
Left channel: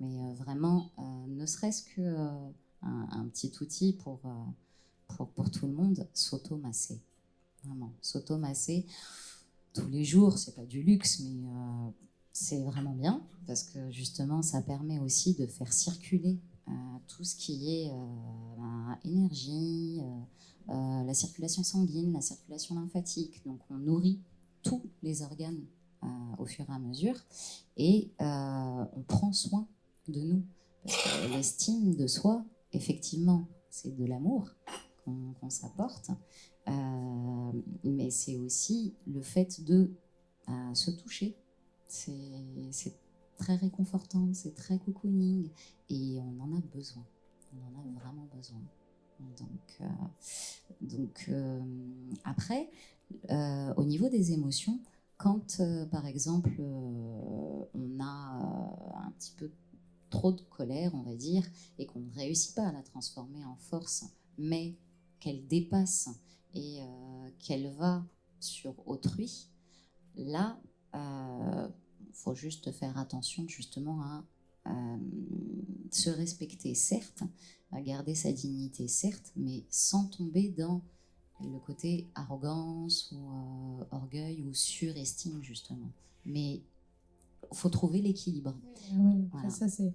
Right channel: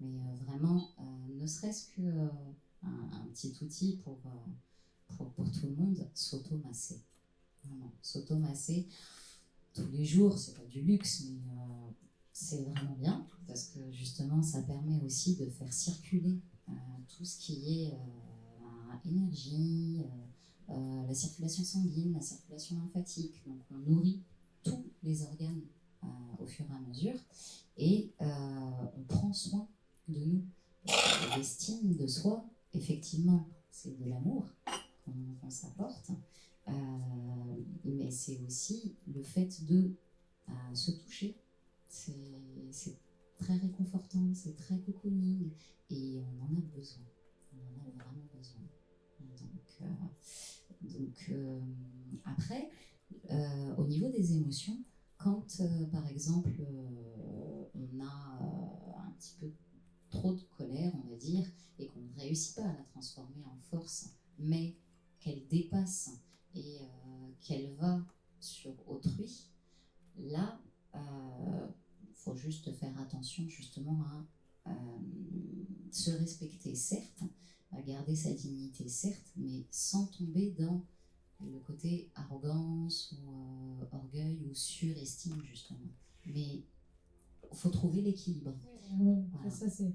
Mais vraiment, ne serait-ce que un petit outil pour tout le monde, s'auto-masser. Vraiment, s'auto-masser tous les jours, c'est pas du luxe, mais c'est vraiment bien, parce que justement, ça permet aussi de faire circuler tout ce qui est énergie, la circulation sanguine, la circulation lymphatique. Donc, on nourrit tous les organes au fur et à mesure, et on prend soin de nous. Parce que l'estime de soi, effectivement, c'est de l'amour qu'on s'apporte, mais c'est aussi le fait de se toucher. C'est très réconfortante, c'est très cocooning, et on en a besoin. On en a vraiment besoin. Donc après, au niveau des émotions, quand par exemple on a un petit peu trop de colère, on va dire, et qu'on ne réussit pas à la transformer en force, mais qu'elle dépasse et qu'elle va sur autrui, là, faut juste faire attention justement à se respecter, certes, à garder sa dignité, certes, mais sans tomber dans le côté arrogance ou orgueil ou surestime, justement. Mais il faut trouver l'équilibre. Oui, après, ça, c'est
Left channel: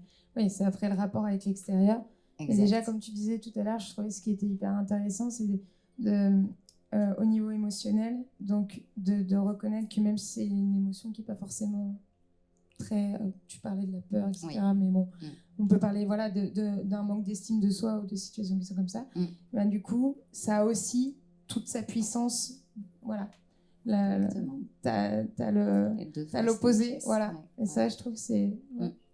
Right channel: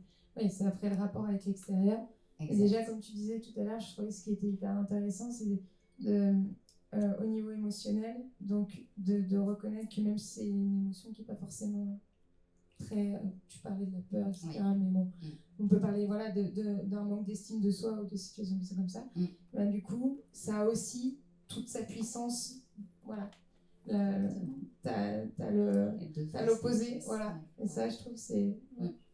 après le rapport avec l'extérieur. Et déjà, comme tu disais tout à l'heure, je trouvais ce qui était hyper intéressant, c'est au niveau émotionnel, donc de reconnaître que même si c'est une émotion qui n'est pas forcément très... tu parlais de la peur, etc. Oui. Mais bon, on peut parler voilà, d'un manque d'estime de soi ou de situations qui sont comme ça. Ben, du coup, ça a aussi toute sa puissance. Voilà. T'as l'opposé, voilà. Et ça, je trouve que c'est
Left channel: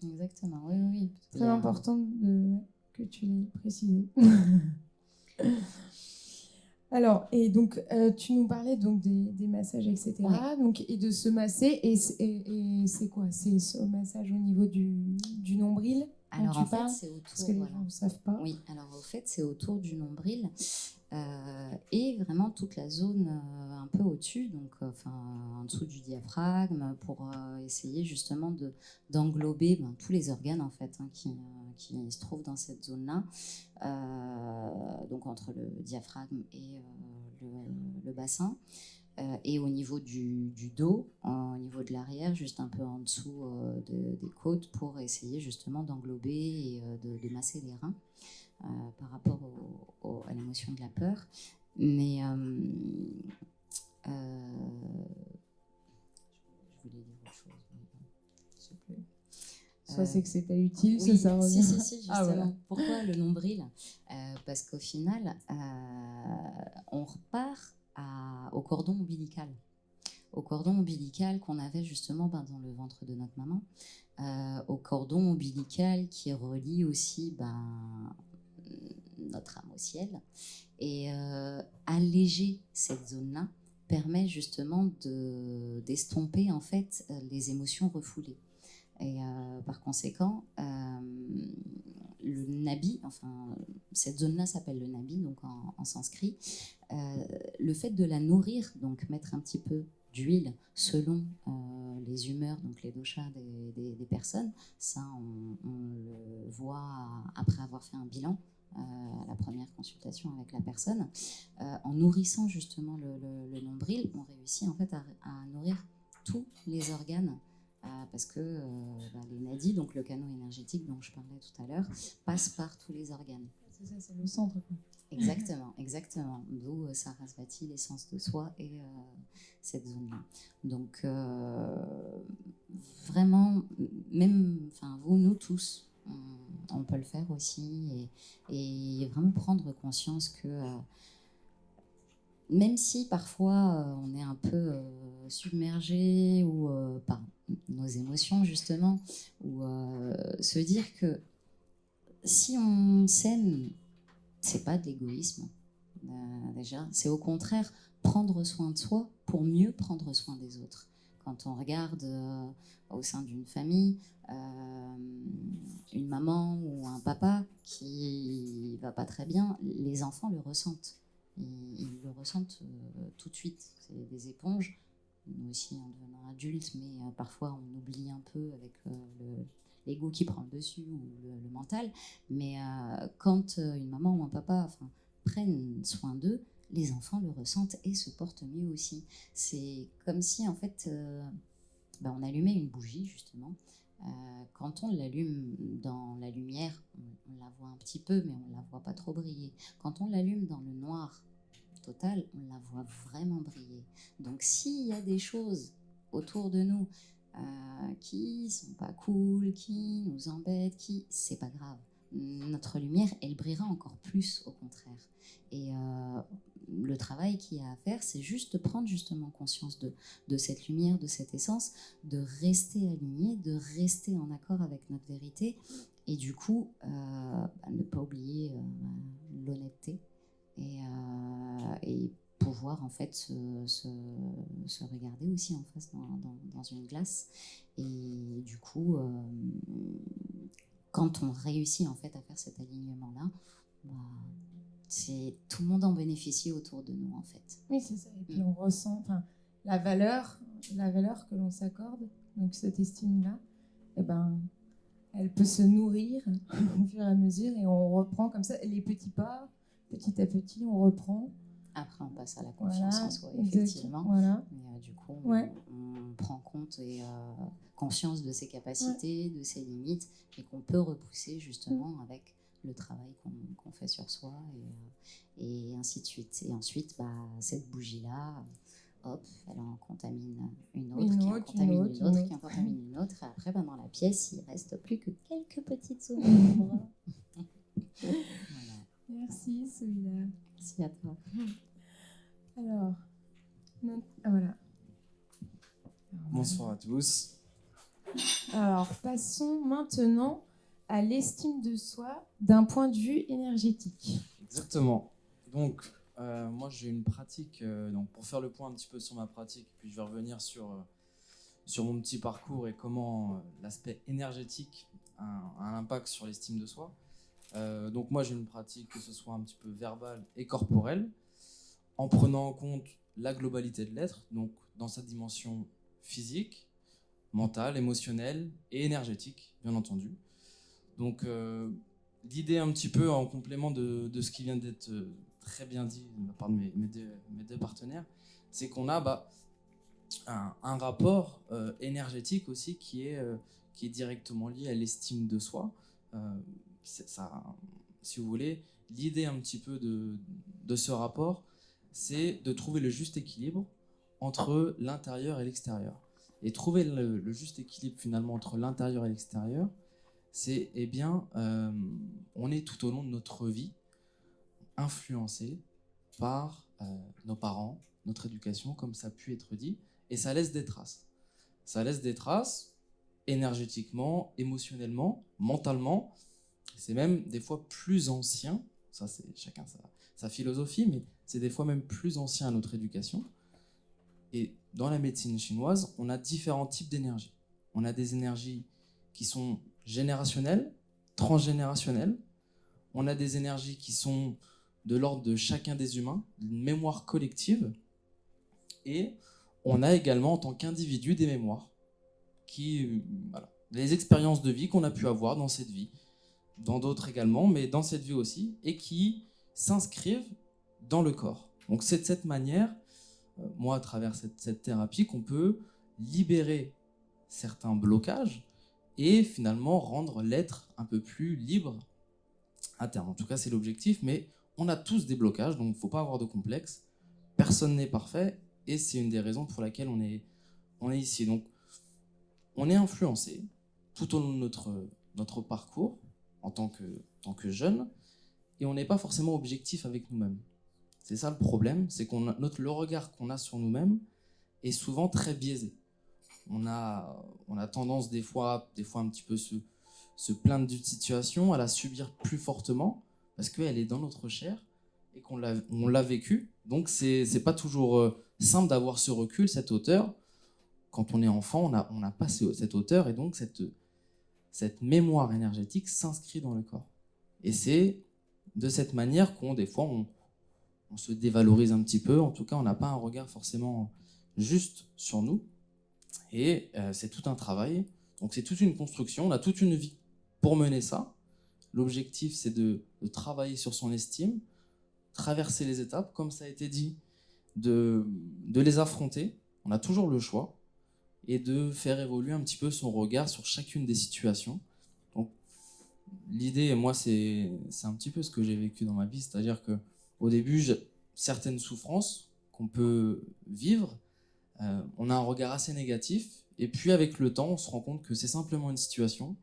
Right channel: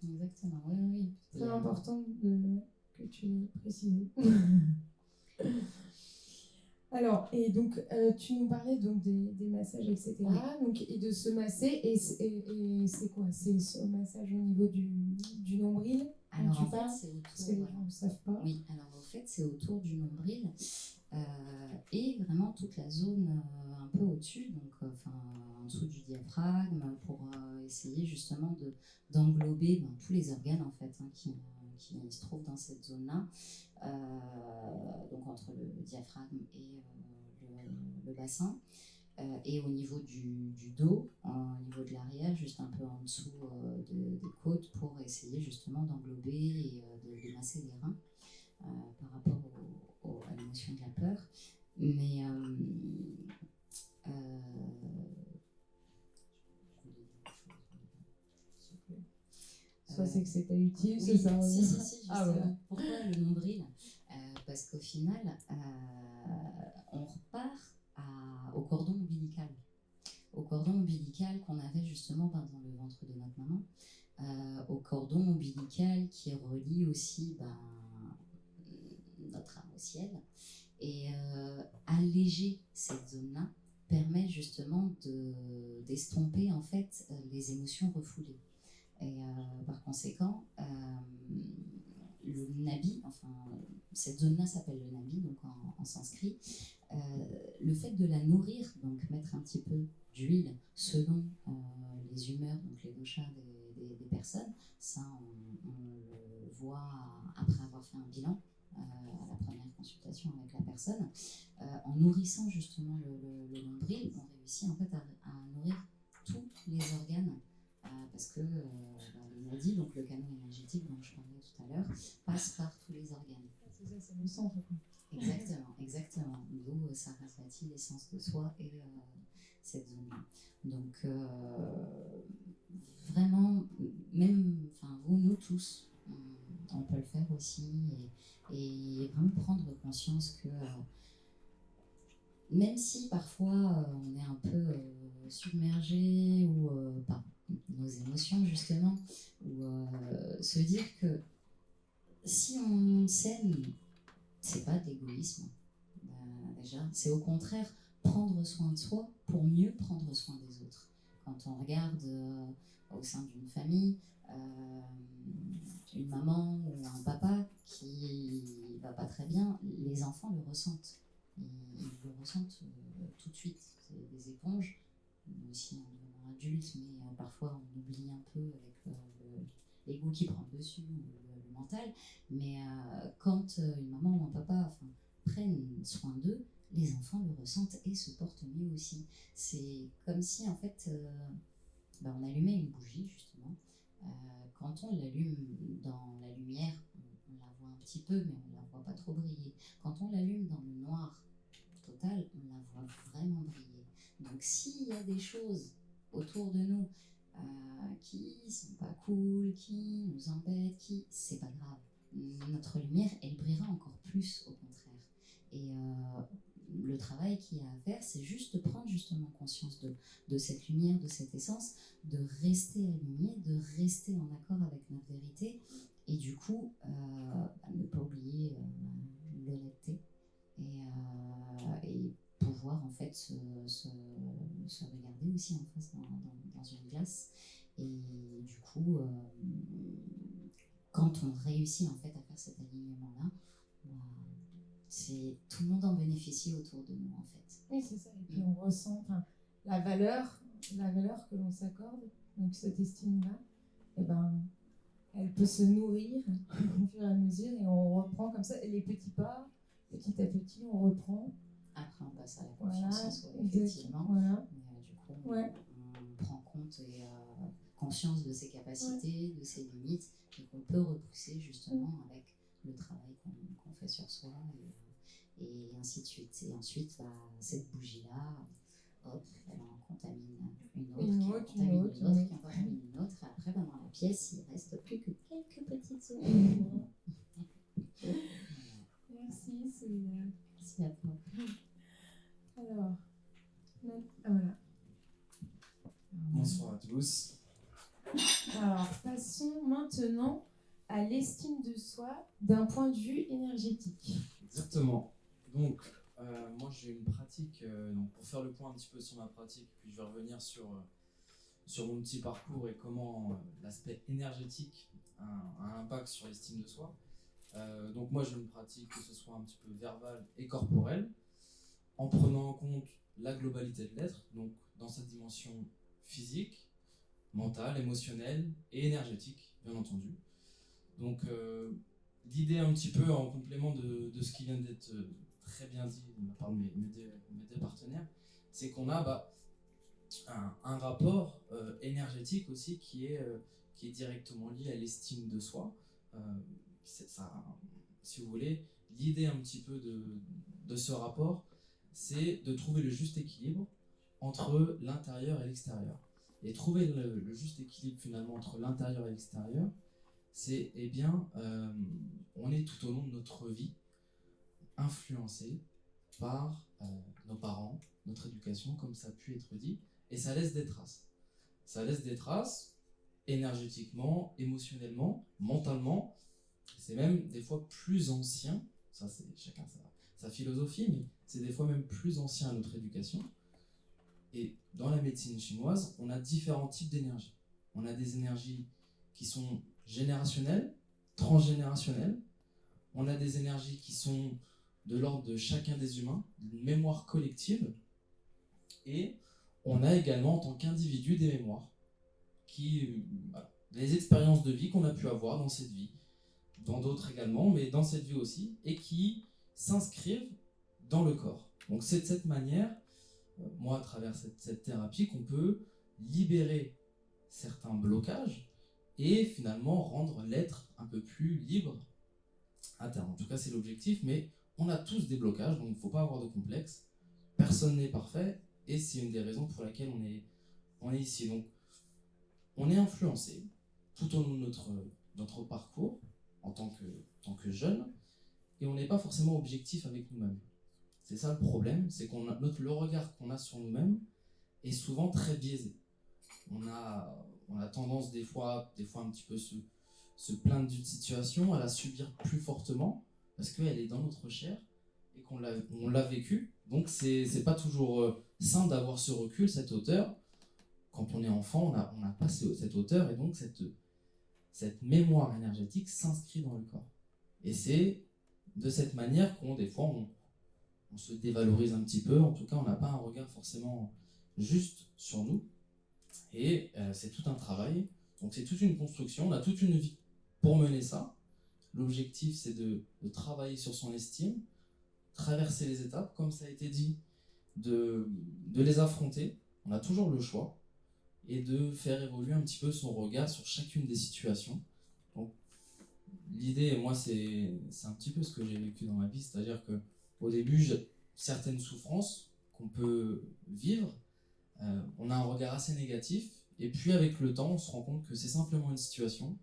exactement, oui. Très important que tu l'aies précisé. Alors, et donc, tu nous parlais donc des massages, etc. Donc, et de se masser, et c'est quoi? C'est ce massage au niveau du nombril? Alors, en fait, c'est autour... Parce que les gens ne savent pas. Oui, alors en fait, c'est autour du nombril et vraiment toute la zone un peu au-dessus, donc en dessous du diaphragme, pour essayer justement d'englober tous les organes en fait qui se trouvent dans cette zone-là, donc entre le diaphragme et le bassin. Et au niveau du dos, au niveau de l'arrière, juste un peu en dessous des côtes, pour essayer justement d'englober et de masser les reins par rapport à l'émotion de la peur. Mais je voulais dire autre chose. S'il te plaît. Soit c'est que c'est pas utile, oui, ça revient. Si, justement. Voilà. Pourquoi le nombril? Parce qu'au final, on repart au cordon ombilical. Au cordon ombilical qu'on avait justement dans le ventre de notre maman, au cordon ombilical qui relie aussi notre âme au ciel. Et alléger cette zone-là permet justement d'estomper en fait les émotions refoulées. Et par conséquent, le nabi, cette zone-là s'appelle le nabi, donc en sanskrit. Le fait de la nourrir, donc mettre un petit peu d'huile selon les humeurs, donc les doshas des personnes, ça on le voit après avoir fait un bilan à la première consultation avec la personne. En nourrissant justement le nombril, on réussit en fait à nourrir tous les organes. Parce que les nadis, donc le canal énergétique dont je parlais tout à l'heure, passe par tous les organes. C'est ça, c'est le centre. Exactement. D'où Sarasvati, l'essence de soi et cette zone-là. Donc vraiment, même, vous, nous tous, on peut le faire aussi et vraiment prendre conscience que même si parfois on est un peu submergé ou par nos émotions justement, ou se dire que si on s'aime, c'est pas de l'égoïsme déjà, c'est au contraire prendre soin de soi pour mieux prendre soin des autres. Quand on regarde au sein d'une famille une maman ou un papa qui va pas très bien, les enfants le ressentent. Ils le ressentent tout de suite. C'est des éponges. Nous aussi, en devenant adultes, mais parfois on oublie un peu avec l'ego qui prend le dessus ou le mental. Mais quand une maman ou un papa prennent soin d'eux, les enfants le ressentent et se portent mieux aussi. C'est comme si en fait on allumait une bougie justement. Quand on l'allume dans la lumière, on la voit un petit peu, mais on ne la voit pas trop briller. Quand on l'allume dans le noir total, on la voit vraiment briller. Donc s'il y a des choses autour de nous qui sont pas cool, qui nous embêtent, c'est pas grave. Notre lumière, elle brillera encore plus au contraire. Et le travail qu'il y a à faire, c'est juste de prendre justement conscience de cette lumière, de cette essence, de rester aligné, de rester en accord avec notre vérité, et du coup, ne pas oublier l'honnêteté et pouvoir en fait se regarder aussi en face dans une glace. Et du coup, quand on réussit en fait à faire cet alignement-là, tout le monde en bénéficie autour de nous en fait. Oui, c'est ça. Et puis on ressent la valeur que l'on s'accorde, donc cette estime-là, elle peut se nourrir au fur et à mesure, et on reprend comme ça les petits pas, petit à petit, on reprend. Après, on passe à la confiance en soi, effectivement. Voilà. Mais du coup, on prend compte et conscience de ses capacités, de ses limites, et qu'on peut repousser justement avec le travail qu'on fait sur soi, et ainsi de suite. Et ensuite, cette bougie-là, hop, elle en contamine une autre, qui en contamine une autre, qui en contamine une autre, et après, dans la pièce, il ne reste plus que quelques petites ombres. Voilà. Merci, Souila. Merci à toi. Alors, voilà. Bonsoir à tous. Alors, passons maintenant à l'estime de soi d'un point de vue énergétique. Exactement. Donc, moi j'ai une pratique, donc pour faire le point un petit peu sur ma pratique, puis je vais revenir sur mon petit parcours et comment l'aspect énergétique a un impact sur l'estime de soi. Donc moi j'ai une pratique, que ce soit un petit peu verbale et corporelle, en prenant en compte la globalité de l'être, donc dans sa dimension physique, mentale, émotionnelle et énergétique, bien entendu. Donc l'idée un petit peu en complément de ce qui vient d'être très bien dit de la part de mes deux partenaires, c'est qu'on a un rapport énergétique aussi qui est directement lié à l'estime de soi. Ça, si vous voulez, l'idée un petit peu de ce rapport, c'est de trouver le juste équilibre entre l'intérieur et l'extérieur. Et trouver le juste équilibre finalement entre l'intérieur et l'extérieur, c'est, on est tout au long de notre vie influencé par nos parents, notre éducation, comme ça a pu être dit, et ça laisse des traces. Ça laisse des traces énergétiquement, émotionnellement, mentalement. C'est même des fois plus ancien, ça c'est chacun sa philosophie, mais c'est des fois même plus ancien à notre éducation. Et dans la médecine chinoise, on a différents types d'énergie. On a des énergies qui sont générationnelles, transgénérationnelles. On a des énergies qui sont de l'ordre de chacun des humains, une mémoire collective. Et on a également en tant qu'individu des mémoires, les expériences de vie qu'on a pu avoir dans cette vie, dans d'autres également, mais dans cette vie aussi, et qui s'inscrivent dans le corps. Donc c'est de cette manière, moi à travers cette thérapie, qu'on peut libérer certains blocages et finalement rendre l'être un peu plus libre à terme. En tout cas c'est l'objectif, mais on a tous des blocages, donc il ne faut pas avoir de complexe. Personne n'est parfait, et c'est une des raisons pour laquelle on est ici. Donc on est influencé tout au long de notre parcours en tant que jeune, et on n'est pas forcément objectif avec nous-mêmes. C'est ça le problème, c'est le regard qu'on a sur nous-mêmes est souvent très biaisé. On a tendance des fois un petit peu se plaindre d'une situation, à la subir plus fortement, parce qu'elle est dans notre chair et qu'on l'a vécue. Donc c'est pas toujours simple d'avoir ce recul, cette hauteur. Quand on est enfant, on n'a pas cette hauteur, et donc cette mémoire énergétique s'inscrit dans le corps. Et c'est de cette manière des fois on se dévalorise un petit peu, en tout cas on n'a pas un regard forcément juste sur nous, et c'est tout un travail, donc c'est toute une construction, on a toute une vie pour mener ça. L'objectif c'est de travailler sur son estime, traverser les étapes, comme ça a été dit, de les affronter, on a toujours le choix, et de faire évoluer un petit peu son regard sur chacune des situations. Donc l'idée, moi, c'est un petit peu ce que j'ai vécu dans ma vie, c'est-à-dire qu'au début, certaines souffrances qu'on peut vivre, on a un regard assez négatif, et puis avec le temps, on se rend compte que c'est simplement une situation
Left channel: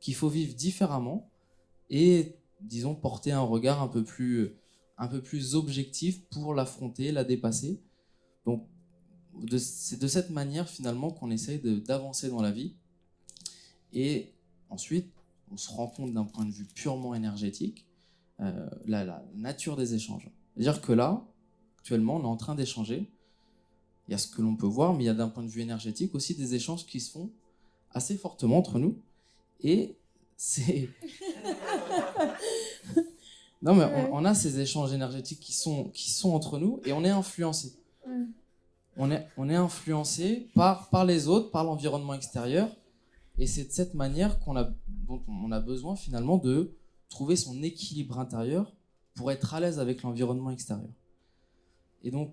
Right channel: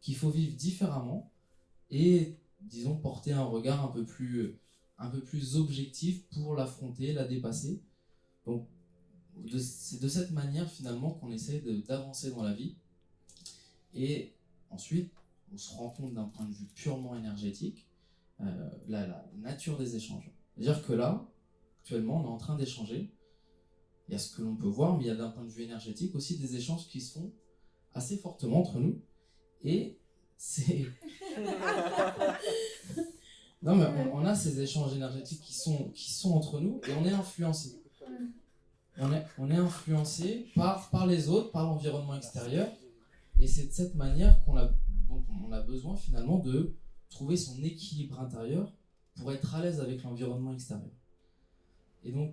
qu'il faut vivre différemment, et disons porter un regard un peu plus un peu plus objectif pour l'affronter, la dépasser. Donc, c'est de cette manière finalement qu'on essaye d'avancer dans la vie. Et ensuite, on se rend compte d'un point de vue purement énergétique, la nature des échanges. C'est-à-dire que là, actuellement, on est en train d'échanger. Il y a ce que l'on peut voir, mais il y a d'un point de vue énergétique aussi des échanges qui se font assez fortement entre nous. Et c'est... Non, mais on a ces échanges énergétiques qui sont entre nous et on est influencé. On est influencé par les autres, par l'environnement extérieur. Et c'est de cette manière dont on a besoin finalement de trouver son équilibre intérieur pour être à l'aise avec l'environnement extérieur. Et donc,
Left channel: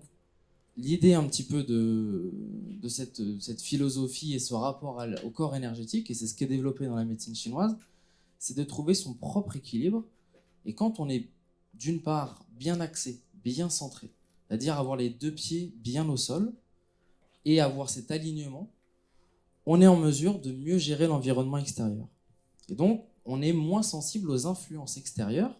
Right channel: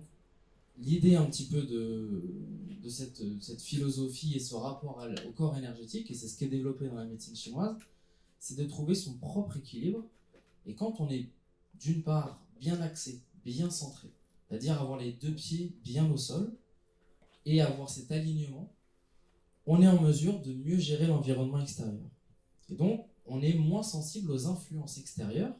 l'idée un petit peu de cette philosophie et ce rapport au corps énergétique, et c'est ce qui est développé dans la médecine chinoise, c'est de trouver son propre équilibre. Et quand on est d'une part bien axé, bien centré, c'est-à-dire avoir les 2 pieds bien au sol et avoir cet alignement, on est en mesure de mieux gérer l'environnement extérieur. Et donc, on est moins sensible aux influences extérieures.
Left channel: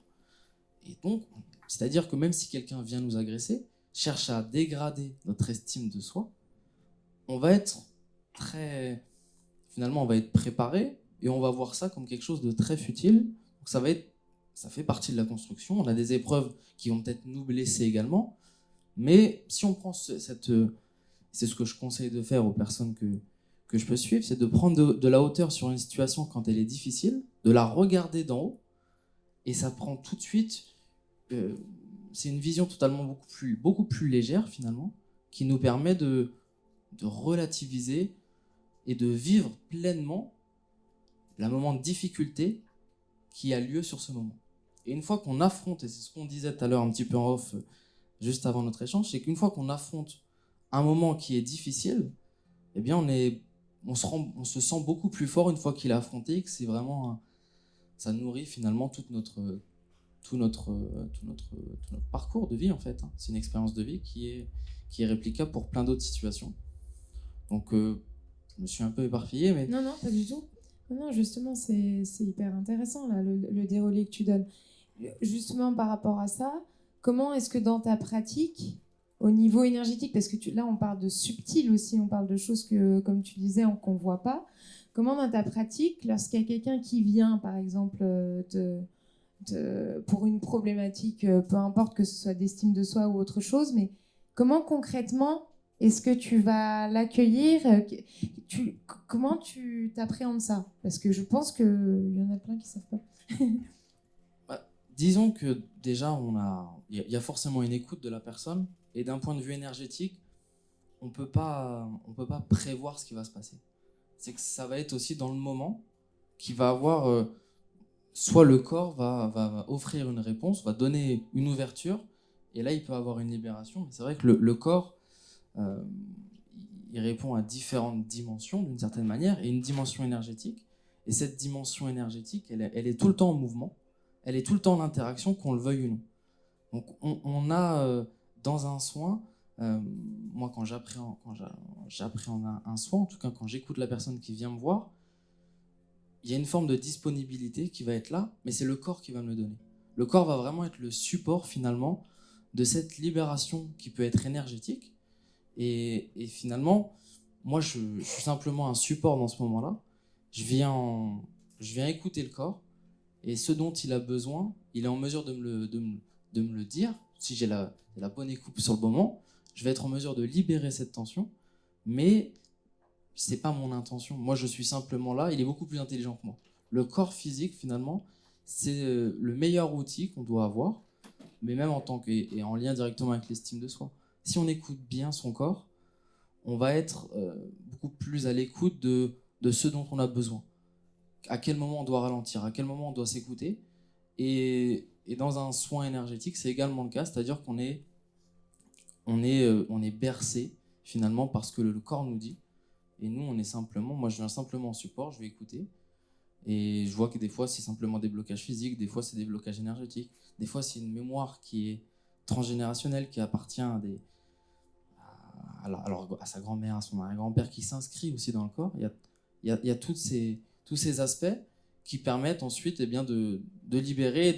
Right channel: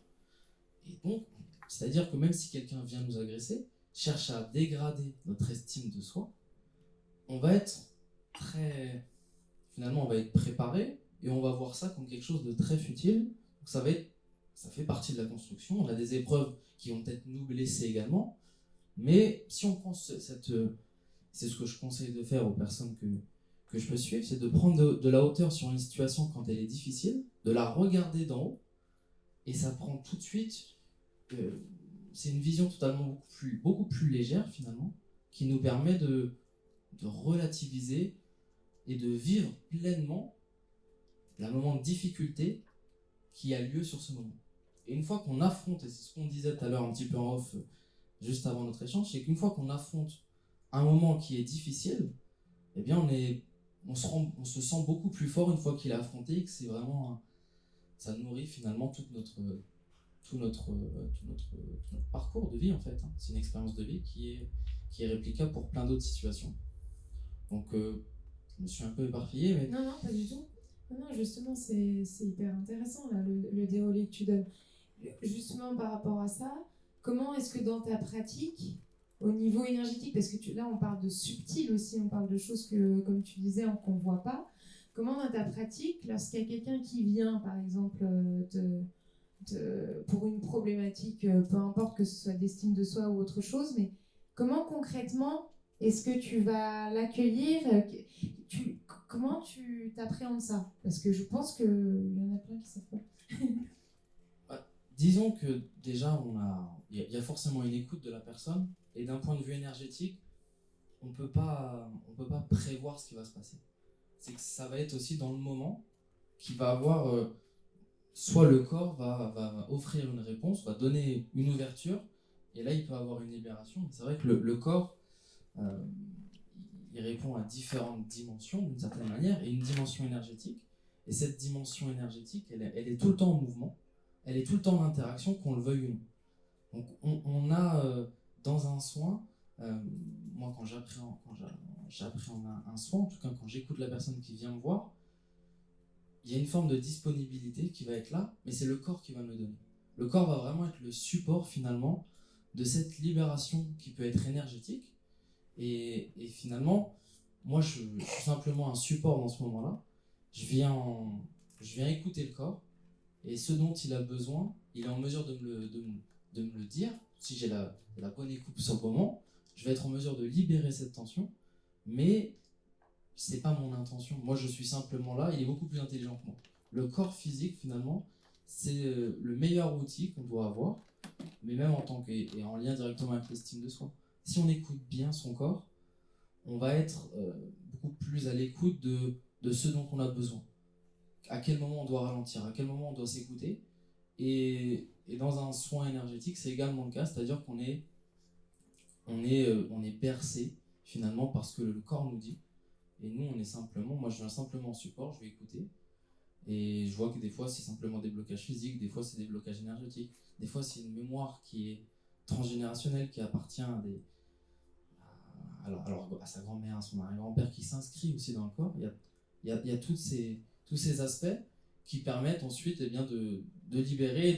Et donc, c'est-à-dire que même si quelqu'un vient nous agresser, cherche à dégrader notre estime de soi, on va être finalement, on va être préparé et on va voir ça comme quelque chose de très futile. Donc ça fait partie de la construction. On a des épreuves qui vont peut-être nous blesser également. Mais si on prend c'est ce que je conseille de faire aux personnes que je peux suivre, c'est de prendre de la hauteur sur une situation quand elle est difficile, de la regarder d'en haut, et ça prend tout de suite... c'est une vision totalement beaucoup plus légère finalement, qui nous permet de relativiser et de vivre pleinement le moment de difficulté qui a lieu sur ce moment. Et une fois qu'on affronte, et c'est ce qu'on disait tout à l'heure un petit peu en off, juste avant notre échange, c'est qu'une fois qu'on affronte un moment qui est difficile, eh bien on se sent beaucoup plus fort une fois qu'il est affronté, et que c'est vraiment ça nourrit finalement tout notre parcours de vie en fait. C'est une expérience de vie qui est réplicable pour plein d'autres situations. Donc je me suis un peu éparpillé, mais... Non, pas du tout. Non, justement, c'est hyper intéressant là, le déroulé que tu donnes. Justement, par rapport à ça, comment est-ce que dans ta pratique, au niveau énergétique, parce que là on parle de subtil aussi, on parle de choses que, comme tu disais, qu'on ne voit pas, comment dans ta pratique, lorsqu'il y a quelqu'un qui vient, par exemple, pour une problématique, peu importe que ce soit d'estime de soi ou autre chose, mais comment concrètement est-ce que tu vas l'accueillir? Comment tu t'appréhendes ça? Parce que je pense qu'il y en a plein qui ne savent pas. Disons que déjà, il y a forcément une écoute de la personne, et d'un point de vue énergétique, on peut pas prévoir ce qui va se passer. C'est que ça va être aussi dans le moment qui va avoir... soit le corps va offrir une réponse, va donner une ouverture, et là, il peut avoir une libération. C'est vrai que le corps, il répond à différentes dimensions, d'une certaine manière, et une dimension énergétique. Et cette dimension énergétique, elle est tout le temps en mouvement, elle est tout le temps en interaction, qu'on le veuille ou non. Donc, on a, dans un soin, moi, quand j'appréhende un soin, en tout cas, quand j'écoute la personne qui vient me voir, il y a une forme de disponibilité qui va être là, mais c'est le corps qui va me le donner. Le corps va vraiment être le support, finalement, de cette libération qui peut être énergétique. Et finalement, moi, je suis simplement un support dans ce moment-là. Je viens écouter le corps, et ce dont il a besoin, il est en mesure de me le dire. Si j'ai la bonne écoute sur le moment, je vais être en mesure de libérer cette tension, mais c'est pas mon intention. Moi, je suis simplement là. Il est beaucoup plus intelligent que moi. Le corps physique, finalement, c'est le meilleur outil qu'on doit avoir, mais même et en lien directement avec l'estime de soi. Si on écoute bien son corps, on va être beaucoup plus à l'écoute de ce dont on a besoin. À quel moment on doit ralentir, à quel moment on doit s'écouter. Et dans un soin énergétique, c'est également le cas, c'est-à-dire qu'on est bercé finalement par ce que le corps nous dit. Et nous, moi je viens simplement en support, je vais écouter. Et je vois que des fois, c'est simplement des blocages physiques, des fois, c'est des blocages énergétiques, des fois, c'est une mémoire qui est transgénérationnelle, qui appartient à sa grand-mère, à son arrière-grand-père, qui s'inscrit aussi dans le corps. Il y a tous ces aspects qui permettent ensuite de libérer,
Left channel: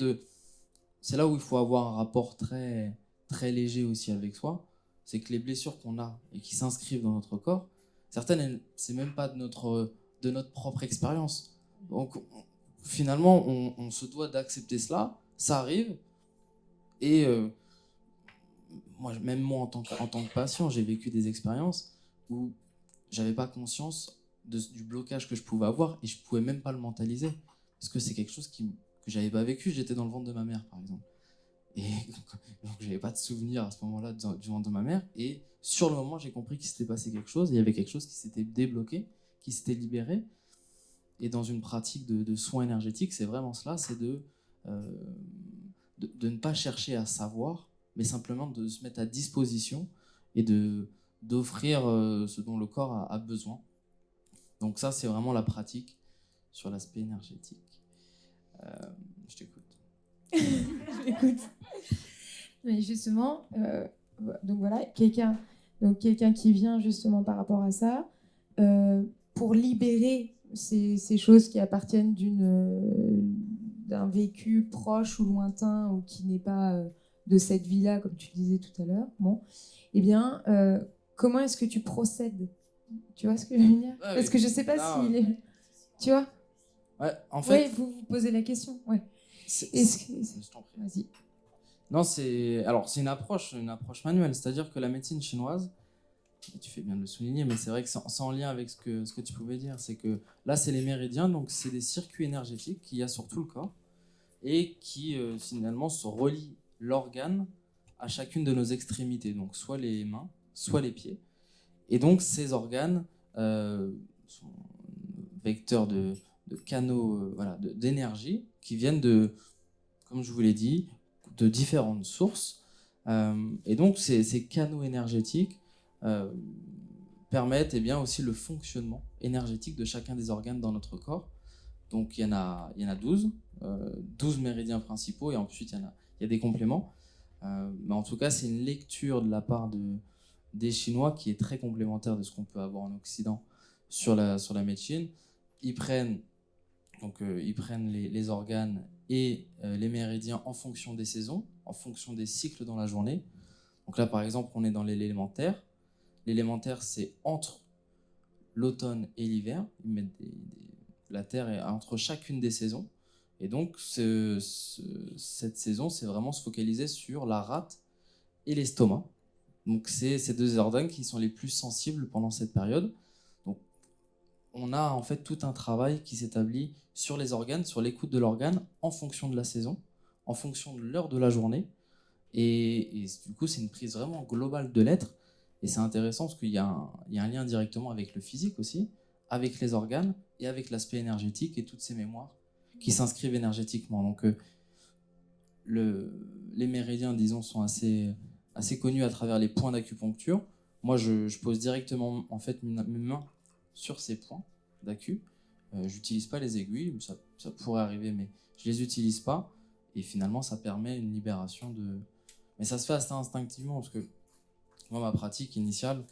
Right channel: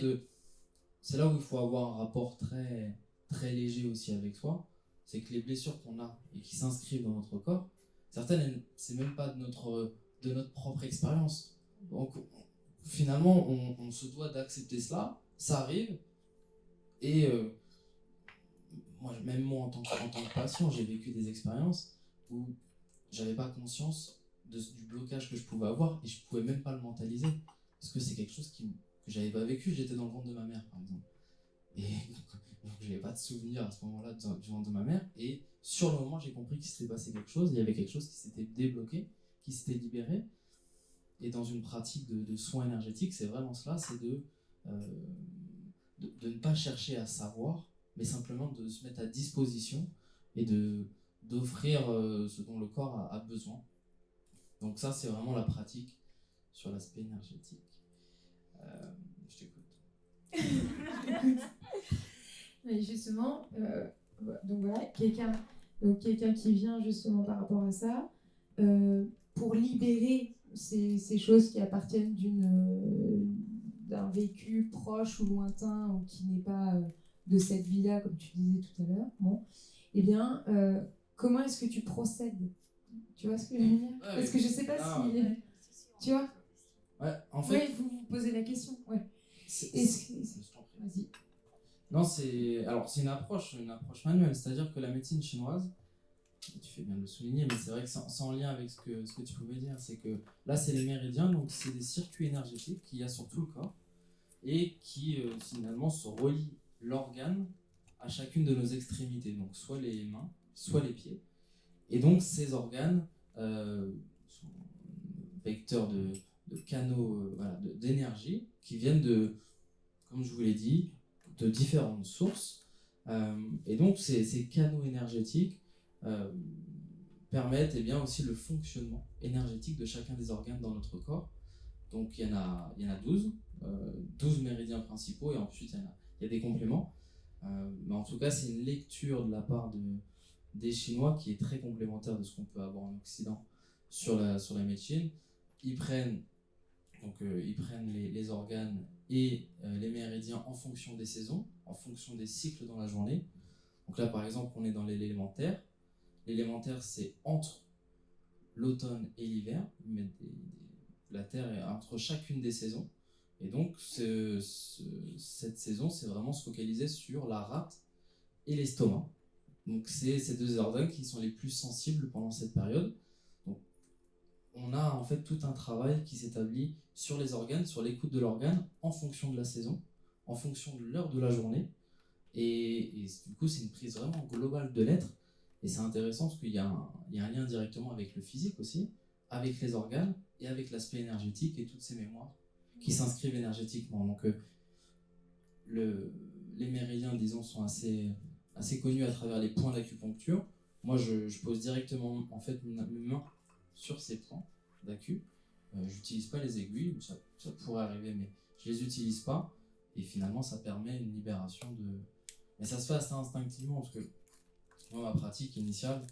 c'est là où il faut avoir un rapport très, très léger aussi avec soi. C'est que les blessures qu'on a et qui s'inscrivent dans notre corps, certaines, c'est même pas de notre propre expérience. Donc, finalement, on se doit d'accepter cela. Ça arrive. Et même moi, en tant que patient, j'ai vécu des expériences où j'avais pas conscience du blocage que je pouvais avoir et je pouvais même pas le mentaliser. Parce que c'est quelque chose que j'avais pas vécu. J'étais dans le ventre de ma mère, par exemple. Et donc, j'avais pas de souvenir à ce moment-là du ventre de ma mère. Et sur le moment, j'ai compris qu'il s'était passé quelque chose. Il y avait quelque chose qui s'était débloqué, qui s'était libéré. Et dans une pratique de soins énergétiques, c'est vraiment cela, c'est de ne pas chercher à savoir, mais simplement de se mettre à disposition et d'offrir ce dont le corps a besoin. Donc ça, c'est vraiment la pratique sur l'aspect énergétique. Je t'écoute. Je t'écoute. Mais justement, donc voilà, quelqu'un qui vient justement par rapport à ça, pour libérer ces choses qui appartiennent d'un vécu proche ou lointain ou qui n'est pas de cette vie-là, comme tu disais tout à l'heure, bon, eh bien, comment est-ce que tu procèdes? Tu vois ce que je veux dire? Parce que je sais pas si... Tu vois? Ouais, en fait... Oui, vous posez la question, ouais. Vas-y. Non, c'est une approche manuelle, c'est-à-dire que la médecine chinoise, tu fais bien de le souligner, mais c'est vrai que c'est en lien avec ce que tu pouvais dire, c'est que là, c'est les méridiens, donc c'est des circuits énergétiques qu'il y a sur tout le corps et qui finalement se relient l'organe à chacune de nos extrémités, donc soit les mains, soit les pieds. Et donc ces organes sont vecteurs de canaux d'énergie qui viennent comme je vous l'ai dit, de différentes sources. Et donc ces canaux énergétiques permettent aussi le fonctionnement énergétique de chacun des organes dans notre corps. Donc il y en a 12 méridiens principaux et ensuite il y a des compléments. Mais en tout cas, c'est une lecture de la part des Chinois qui est très complémentaire de ce qu'on peut avoir en Occident sur la médecine. Ils prennent les organes et les méridiens en fonction des saisons, en fonction des cycles dans la journée. Donc là, par exemple, on est dans l'élémentaire. L'élémentaire, c'est entre l'automne et l'hiver. Ils mettent la Terre est entre chacune des saisons. Et donc, cette saison, c'est vraiment se focaliser sur la rate et l'estomac. Donc, c'est ces deux organes qui sont les plus sensibles pendant cette période. Donc, on a en fait tout un travail qui s'établit sur les organes, sur l'écoute de l'organe, en fonction de la saison, en fonction de l'heure de la journée. Et du coup, c'est une prise vraiment globale de l'être. Et c'est intéressant parce qu'il y a un lien directement avec le physique aussi, avec les organes et avec l'aspect énergétique et toutes ces mémoires qui s'inscrivent énergétiquement. Donc, les méridiens, disons, sont assez connus à travers les points d'acupuncture. Moi, je pose directement en fait mes mains sur ces points d'acu. J'utilise pas les aiguilles, ça pourrait arriver, mais je les utilise pas. Et finalement, ça permet une libération de... Mais ça se fait assez instinctivement, parce que moi, ma pratique initiale,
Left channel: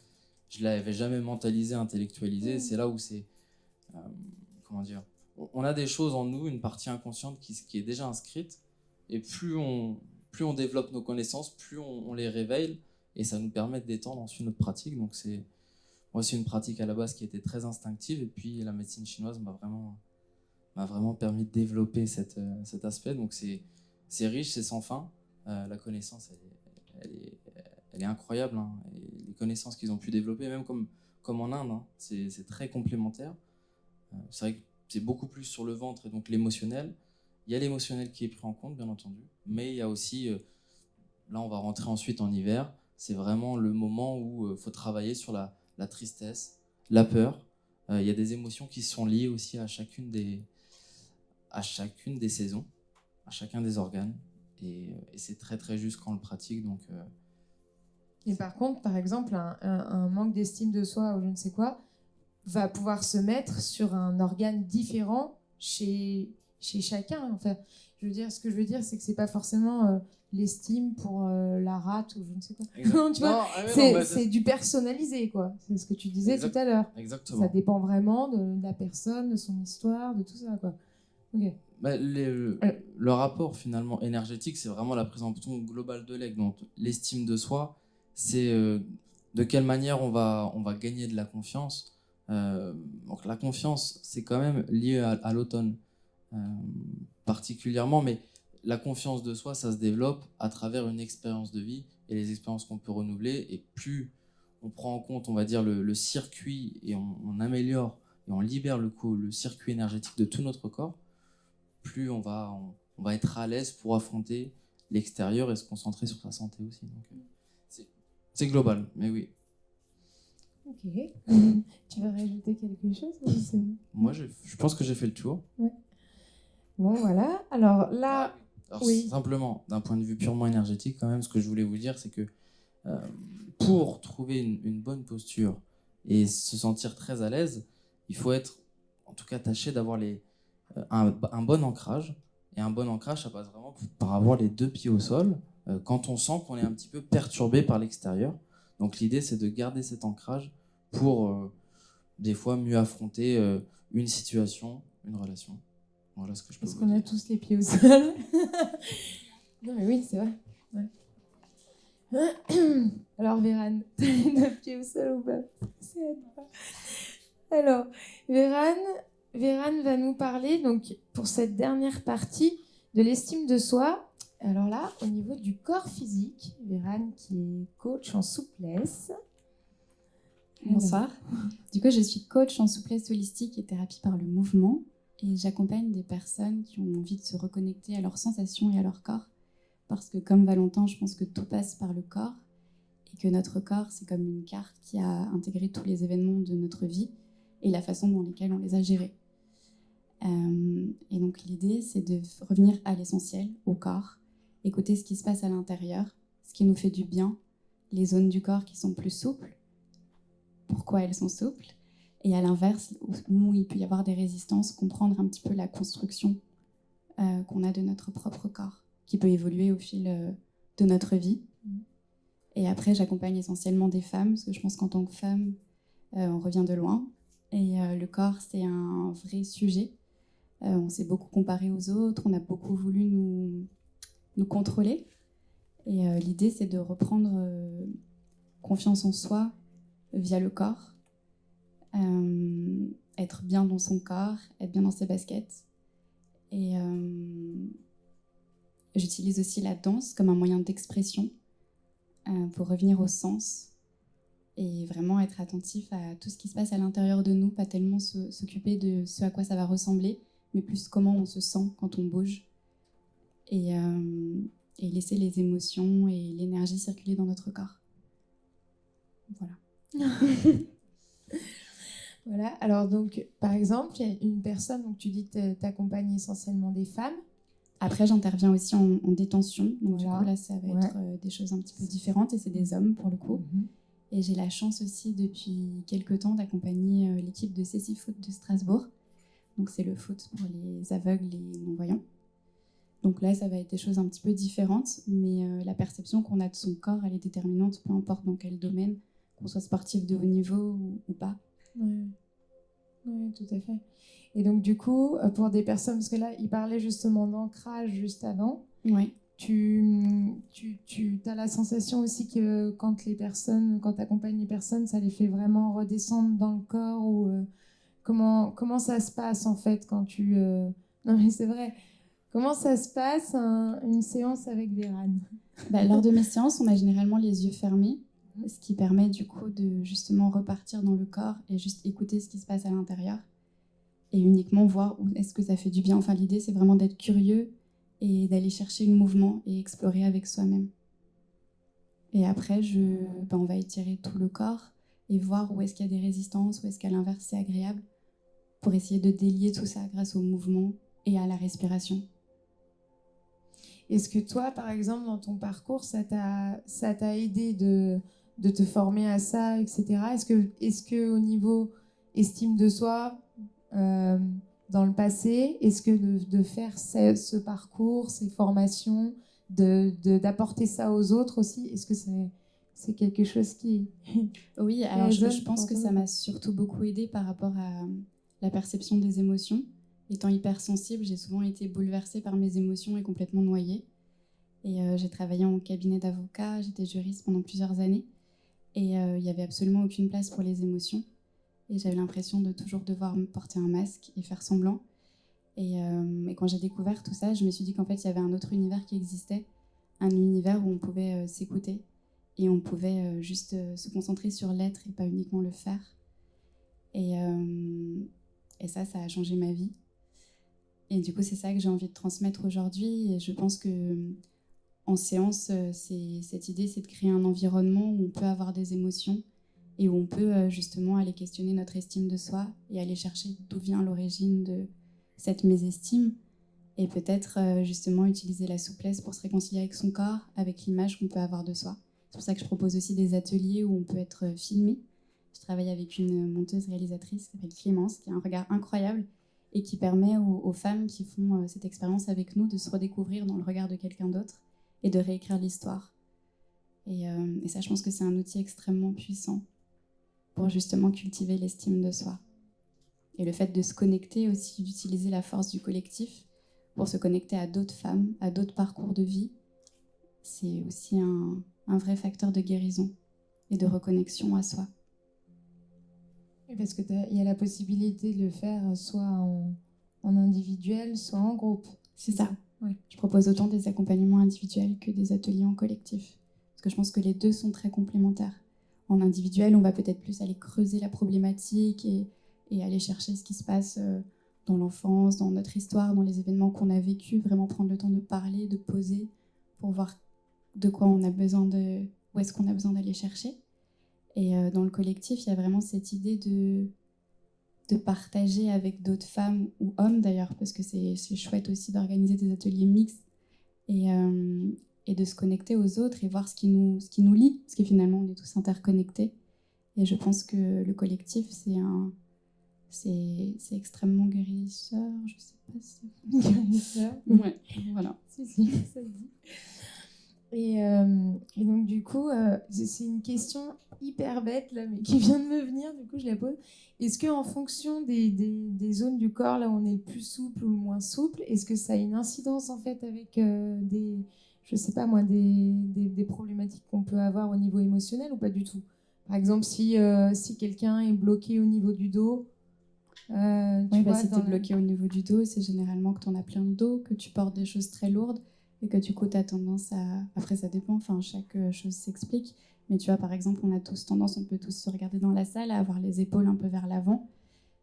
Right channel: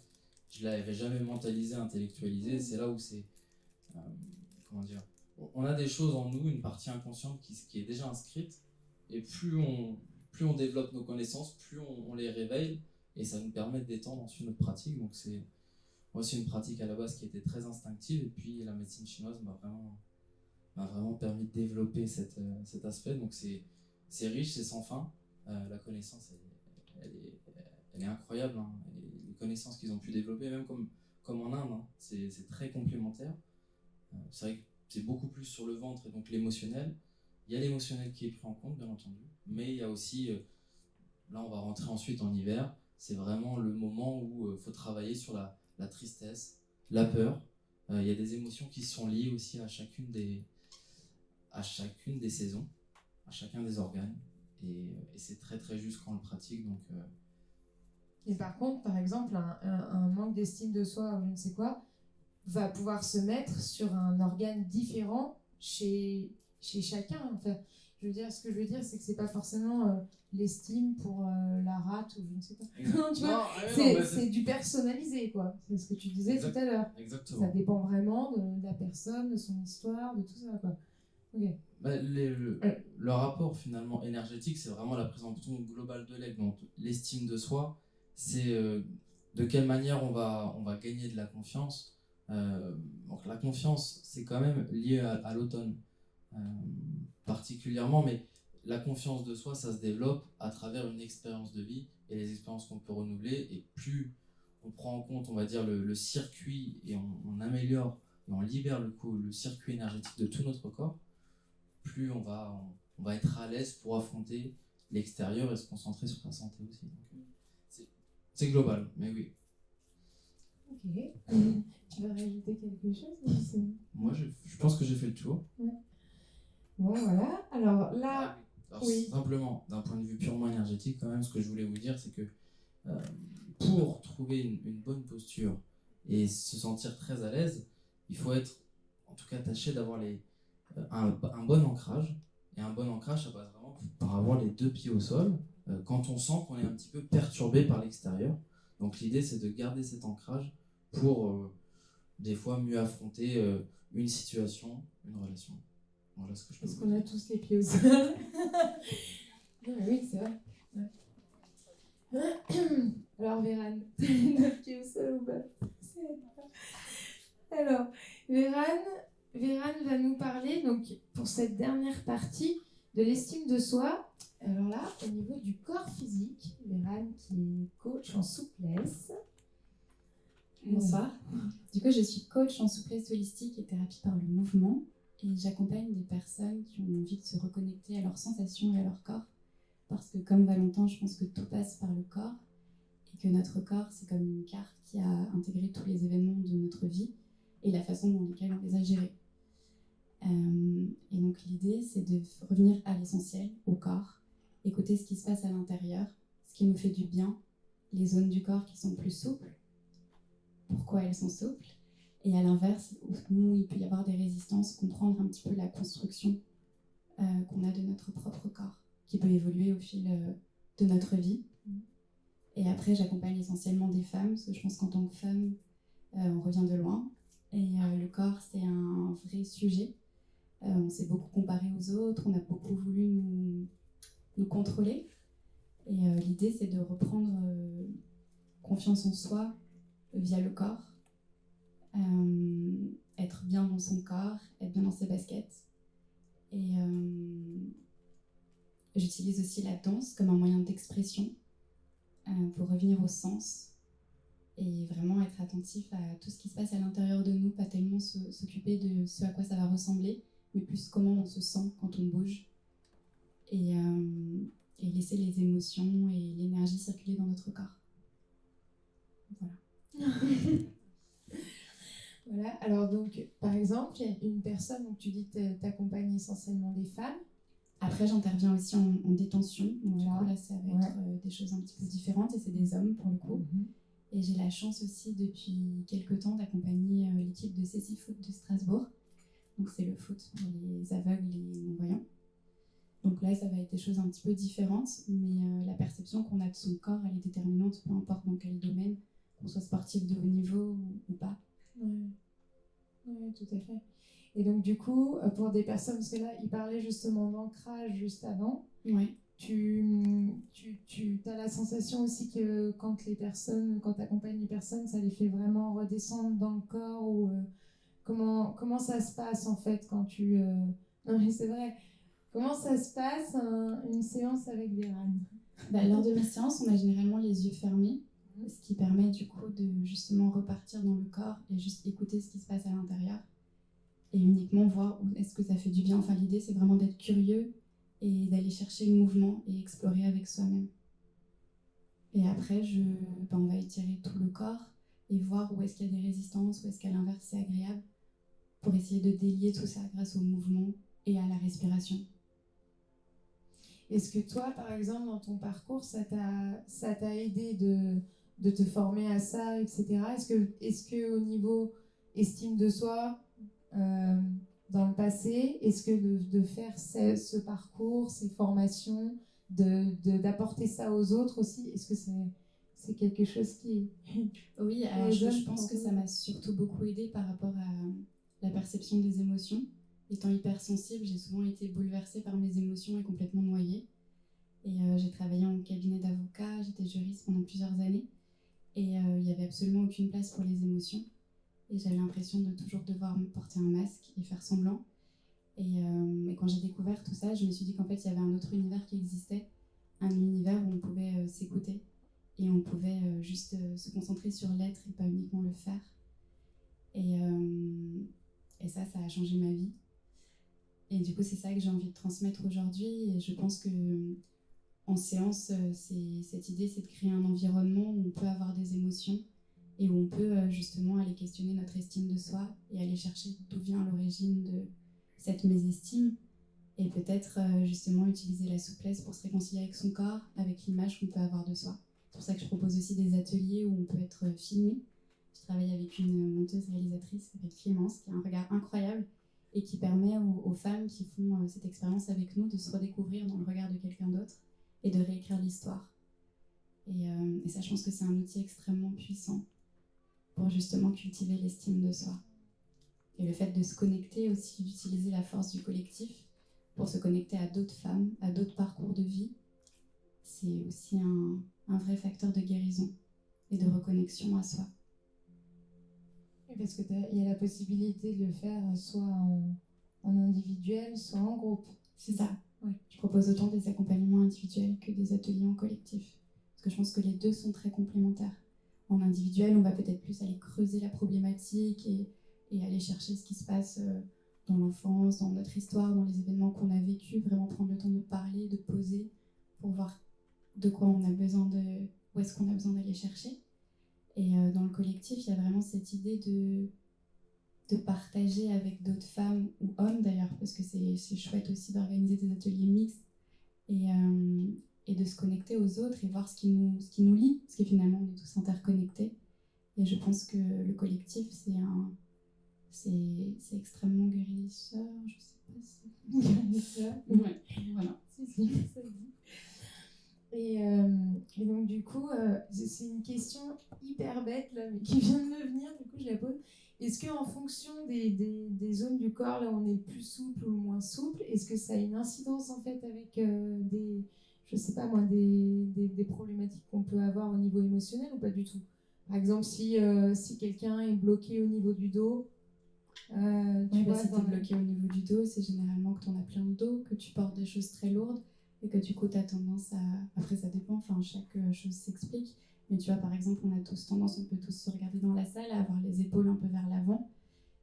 je l'avais jamais mentalisée, intellectualisée. C'est là où c'est... comment dire, on a des choses en nous, une partie inconsciente qui est déjà inscrite, et plus on développe nos connaissances, plus on les réveille, et ça nous permet de détendre ensuite notre pratique. Donc c'est une pratique à la base qui était très instinctive, et puis la médecine chinoise m'a vraiment permis de développer cet aspect. Donc c'est riche, c'est sans fin. La connaissance, elle est incroyable, hein. Et les connaissances qu'ils ont pu développer, même comme en Inde, hein, c'est très complémentaire. C'est vrai que c'est beaucoup plus sur le ventre et donc l'émotionnel. Il y a l'émotionnel qui est pris en compte, bien entendu, mais il y a aussi, là on va rentrer ensuite en hiver, c'est vraiment le moment où il faut travailler sur la tristesse, la peur. Il y a des émotions qui sont liées aussi à chacune des saisons, à chacun des organes, et c'est très très juste quand on le pratique. Donc, Et par contre, par exemple, un manque d'estime de soi ou je ne sais quoi va pouvoir se mettre sur un organe différent chez chacun. Enfin, ce que je veux dire, c'est que c'est pas forcément l'estime pour la rate ou je ne sais quoi. Non, tu vois, c'est du personnalisé, quoi. C'est ce que tu disais tout à l'heure. Exactement. Ça dépend vraiment de la personne, de son histoire, de tout ça, quoi. Ok. Bah, le le rapport finalement énergétique, c'est vraiment la présentation globale de l'aigle. Donc l'estime de soi, c'est de quelle manière on va gagner de la confiance. Donc la confiance, c'est quand même lié à l'automne particulièrement, mais la confiance de soi, ça se développe à travers une expérience de vie et les expériences qu'on peut renouveler. Et plus on prend en compte, on va dire, le circuit et on améliore et on libère le circuit énergétique de tout notre corps, plus on va être à l'aise pour affronter l'extérieur et se concentrer sur sa santé aussi. Donc, c'est global, mais oui. Ok. Tu veux rajouter quelque chose? Moi, je pense que j'ai fait le tour. Ouais. Bon, voilà. Alors là, Alors, oui. Simplement, d'un point de vue purement énergétique, quand même, ce que je voulais vous dire, c'est que pour trouver une bonne posture et se sentir très à l'aise, il faut être, en tout cas, tâcher d'avoir un bon ancrage. Et un bon ancrage, ça passe vraiment par avoir les 2 pieds au sol quand on sent qu'on est un petit peu perturbé par l'extérieur. Donc l'idée, c'est de garder cet ancrage pour des fois mieux affronter une situation, une relation. Voilà ce que je peux Parce vous qu'on dire. a tous les pieds au sol. Non, mais oui, c'est vrai. Ouais. Alors, Vérane, t'as les 9 pieds au sol ou pas? C'est à toi. Alors, Vérane va nous parler, donc, pour cette dernière partie, de l'estime de soi. Alors là, au niveau du corps physique, Vérane qui est coach en souplesse. Bonsoir. Du coup, je suis coach en souplesse holistique et thérapie par le mouvement et j'accompagne des personnes qui ont envie de se reconnecter à leurs sensations et à leur corps parce que comme Valentin, je pense que tout passe par le corps et que notre corps, c'est comme une carte qui a intégré tous les événements de notre vie et la façon dans laquelle on les a gérés. Et donc l'idée, c'est de revenir à l'essentiel, au corps, écouter ce qui se passe à l'intérieur, ce qui nous fait du bien, les zones du corps qui sont plus souples, pourquoi elles sont souples, et à l'inverse, où il peut y avoir des résistances, comprendre un petit peu la construction qu'on a de notre propre corps, qui peut évoluer au fil de notre vie. Et après, j'accompagne essentiellement des femmes, parce que je pense qu'en tant que femme, on revient de loin, et le corps, c'est un vrai sujet. On s'est beaucoup comparé aux autres, on a beaucoup voulu nous contrôler, et l'idée, c'est de reprendre confiance en soi, via le corps, être bien dans son corps, être bien dans ses baskets. Et j'utilise aussi la danse comme un moyen d'expression pour revenir au sens et vraiment être attentif à tout ce qui se passe à l'intérieur de nous, pas tellement s'occuper de ce à quoi ça va ressembler, mais plus comment on se sent quand on bouge et laisser les émotions et l'énergie circuler dans notre corps. Voilà. Voilà, alors donc, par exemple, il y a une personne, donc tu dis que tu accompagnes essentiellement des femmes. Après, j'interviens aussi en détention, donc Voilà. du coup, là, ça va être des choses un petit peu différentes, et c'est des hommes, pour le coup. Et j'ai la chance aussi, depuis quelques temps, d'accompagner l'équipe de CC Foot de Strasbourg. Donc, c'est le foot pour les aveugles et non-voyants. Donc là, ça va être des choses un petit peu différentes, mais la perception qu'on a de son corps, elle est déterminante, peu importe dans quel domaine, qu'on soit sportif de haut niveau ou pas. Oui, tout à fait. Et donc, du coup, pour des personnes, parce que là, il parlait justement d'ancrage juste avant, Ouais. tu as la sensation aussi que quand tu accompagnes les personnes, ça les fait vraiment redescendre dans le corps ou comment ça se passe en fait quand tu... Non mais c'est vrai, comment ça se passe une séance avec Vérane? Lors de mes séances, on a généralement les yeux fermés, ce qui permet du coup de justement repartir dans le corps et juste écouter ce qui se passe à l'intérieur et uniquement voir où est-ce que ça fait du bien. Enfin, l'idée, c'est vraiment d'être curieux et d'aller chercher le mouvement et explorer avec soi-même. Et après, on va étirer tout le corps et voir où est-ce qu'il y a des résistances, où est-ce qu'à l'inverse, c'est agréable, pour essayer de délier tout ça grâce au mouvement et à la respiration. Est-ce que toi, par exemple, dans ton parcours, ça t'a aidé de te former à ça, etc. Est-ce que au niveau estime de soi, dans le passé, est-ce que de faire ce parcours, ces formations, d'apporter ça aux autres aussi, est-ce que c'est quelque chose qui... Oui, alors je pense que ça m'a surtout beaucoup aidé par rapport à la perception des émotions étant hypersensible, j'ai souvent été bouleversée par mes émotions et complètement noyée. Et j'ai travaillé en cabinet d'avocat, j'étais juriste pendant plusieurs années. Et il n'y avait absolument aucune place pour les émotions. Et j'avais l'impression de toujours devoir me porter un masque et faire semblant. Et quand j'ai découvert tout ça, je me suis dit qu'en fait, il y avait un autre univers qui existait. Un univers où on pouvait s'écouter. Et on pouvait juste se concentrer sur l'être et pas uniquement le faire. Et ça a changé ma vie. Et du coup, c'est ça que j'ai envie de transmettre aujourd'hui. Et je pense que en séance, cette idée, c'est de créer un environnement où on peut avoir des émotions et où on peut justement aller questionner notre estime de soi et aller chercher d'où vient l'origine de cette mésestime et peut-être justement utiliser la souplesse pour se réconcilier avec son corps, avec l'image qu'on peut avoir de soi. C'est pour ça que je propose aussi des ateliers où on peut être filmé. Je travaille avec une monteuse-réalisatrice qui s'appelle Clémence, qui a un regard incroyable et qui permet aux femmes qui font cette expérience avec nous de se redécouvrir dans le regard de quelqu'un d'autre et de réécrire l'histoire. Et ça, je pense que c'est un outil extrêmement puissant pour justement cultiver l'estime de soi. Et le fait de se connecter aussi, d'utiliser la force du collectif pour se connecter à d'autres femmes, à d'autres parcours de vie, c'est aussi un vrai facteur de guérison et de reconnexion à soi. Parce qu'il y a la possibilité de le faire soit en individuel, soit en groupe. C'est ça. Oui. Je propose autant des accompagnements individuels que des ateliers en collectif. Parce que je pense que les deux sont très complémentaires. En individuel, on va peut-être plus aller creuser la problématique et aller chercher ce qui se passe dans l'enfance, dans notre histoire, dans les événements qu'on a vécus, vraiment prendre le temps de parler, de poser pour voir de quoi on a besoin où est-ce qu'on a besoin d'aller chercher. Et dans le collectif, il y a vraiment cette idée de partager avec d'autres femmes ou hommes d'ailleurs, parce que c'est chouette aussi d'organiser des ateliers mixtes et de se connecter aux autres et voir ce qui nous lie, parce que finalement on est tous interconnectés. Et je pense que le collectif, c'est extrêmement guérisseur, je sais pas si... Guérisseur. Ouais, voilà. Si, ça se dit. Et donc du coup, c'est une question hyper bête là, mais qui vient de me venir, du coup je la pose. Est-ce qu'en fonction des zones du corps, là où on est plus souple ou moins souple, est-ce que ça a une incidence en fait avec je sais pas moi, des problématiques qu'on peut avoir au niveau émotionnel ou pas du tout? Par exemple, si quelqu'un est bloqué au niveau du dos, si tu es bloqué au niveau du dos, c'est généralement que tu en as plein le dos, que tu portes des choses très lourdes et que du coup tu as tendance à... Après ça dépend, enfin chaque chose s'explique, mais tu vois par exemple on a tous tendance, on peut tous se regarder dans la salle, à avoir les épaules un peu vers l'avant,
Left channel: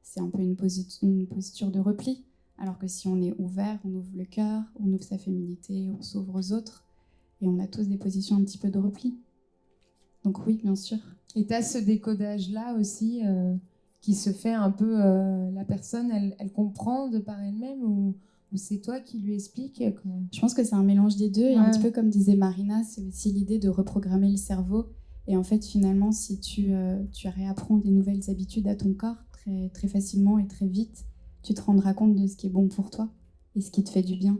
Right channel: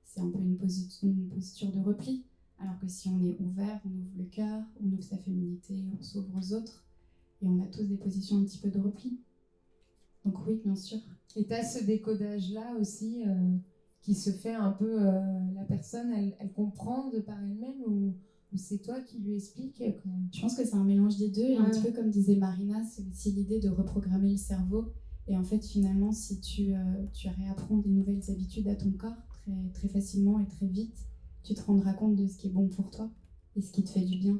c'est un peu une posture de repli, alors que si on est ouvert, on ouvre le cœur, on ouvre sa féminité, on s'ouvre aux autres, et on a tous des positions un petit peu de repli. Donc oui, bien sûr. Et tu as ce décodage-là aussi qui se fait un peu, la personne, elle comprend de par elle-même ou c'est toi qui lui expliques Je pense que c'est un mélange des deux, et un petit peu comme disait Marina, c'est aussi l'idée de reprogrammer le cerveau. Et en fait, finalement, si tu réapprends des nouvelles habitudes à ton corps très, très facilement et très vite, tu te rendras compte de ce qui est bon pour toi et ce qui te fait du bien.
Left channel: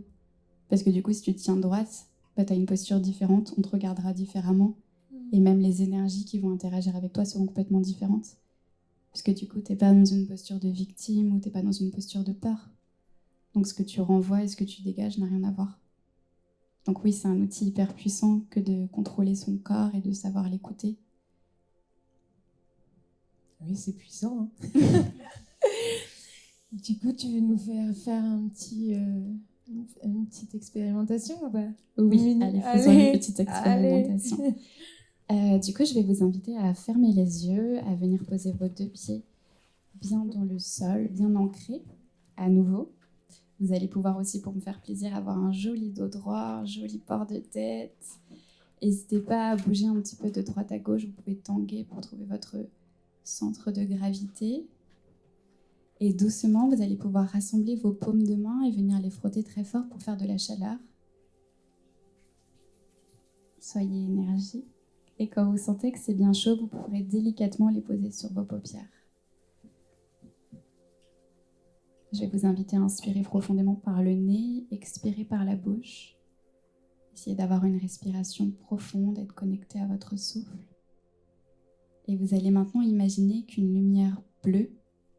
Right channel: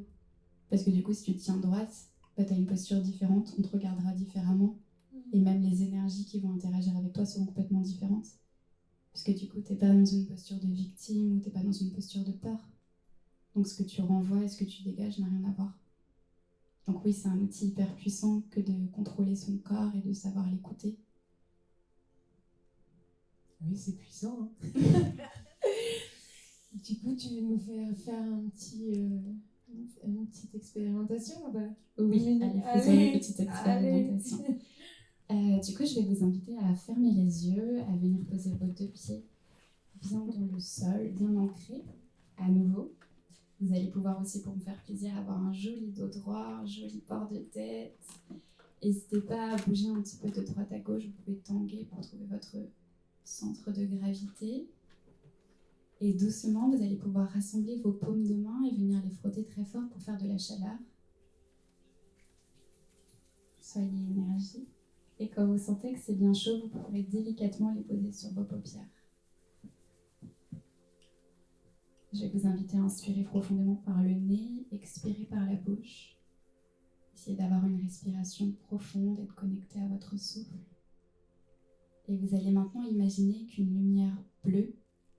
Parce que du coup, si tu te tiens droite, tu as une posture différente, on te regardera différemment. Et même les énergies qui vont interagir avec toi seront complètement différentes. Parce que du coup, tu n'es pas dans une posture de victime ou tu n'es pas dans une posture de peur. Donc ce que tu renvoies et ce que tu dégages n'a rien à voir. Donc oui, c'est un outil hyper puissant que de contrôler son corps et de savoir l'écouter. Oui, c'est puissant. Hein. Du coup, tu veux nous faire une petite expérimentation ou pas? Oui, allez, faisons une petite expérimentation. Du coup, je vais vous inviter à fermer les yeux, à venir poser vos deux pieds bien dans le sol, bien ancrés, à nouveau. Vous allez pouvoir aussi, pour me faire plaisir, avoir un joli dos droit, un joli port de tête. N'hésitez pas à bouger un petit peu de droite à gauche. Vous pouvez tanguer pour trouver votre centre de gravité. Et doucement, vous allez pouvoir rassembler vos paumes de main et venir les frotter très fort pour faire de la chaleur. Soyez énergique. Et quand vous sentez que c'est bien chaud, vous pourrez délicatement les poser sur vos paupières. Je vais vous inviter à inspirer profondément par le nez, expirer par la bouche. Essayez d'avoir une respiration profonde, être connecté à votre souffle. Et vous allez maintenant imaginer qu'une lumière bleue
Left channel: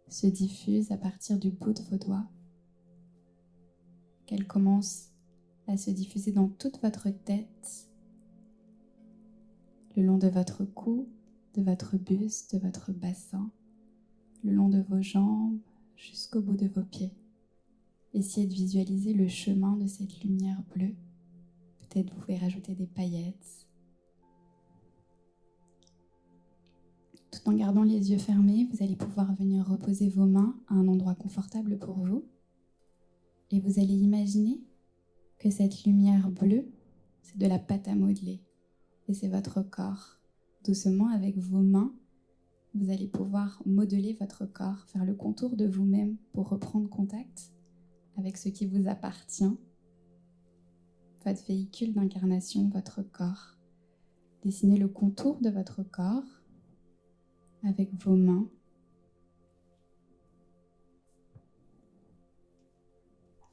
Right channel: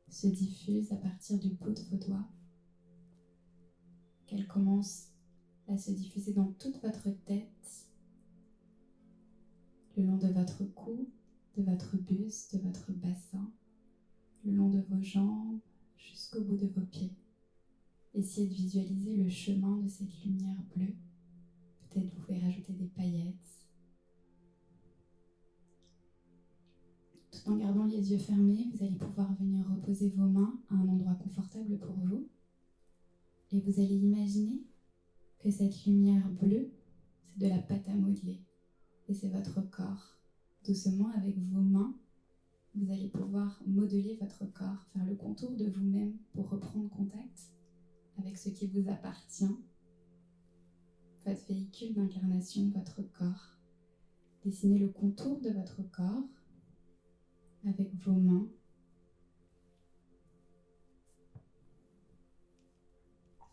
se diffuse à partir du bout de vos doigts qu'elle commence à se diffuser dans toute votre tête, le long de votre cou, de votre buste, de votre bassin, le long de vos jambes, jusqu'au bout de vos pieds. Essayez de visualiser le chemin de cette lumière bleue. Peut-être vous pouvez rajouter des paillettes. Tout en gardant les yeux fermés, vous allez pouvoir venir reposer vos mains à un endroit confortable pour vous. Et vous allez imaginer que cette lumière bleue, c'est de la pâte à modeler. Et c'est votre corps. Doucement, avec vos mains, vous allez pouvoir modeler votre corps, faire le contour de vous-même pour reprendre contact avec ce qui vous appartient, votre véhicule d'incarnation, votre corps. Dessinez le contour de votre corps avec vos mains.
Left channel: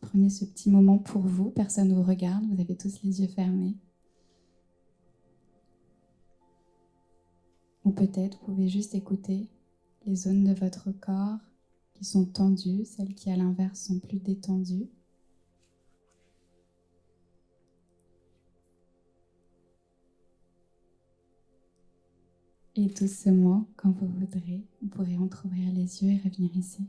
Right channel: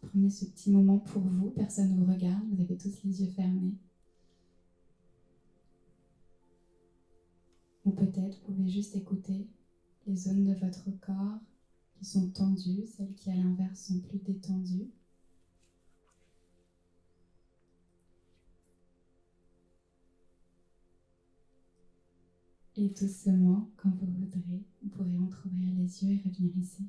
Prenez ce petit moment pour vous, personne ne vous regarde, vous avez tous les yeux fermés. Ou peut-être vous pouvez juste écouter les zones de votre corps qui sont tendues, celles qui à l'inverse sont plus détendues. Et doucement, quand vous voudrez, vous pourrez entrouvrir les yeux et revenir ici.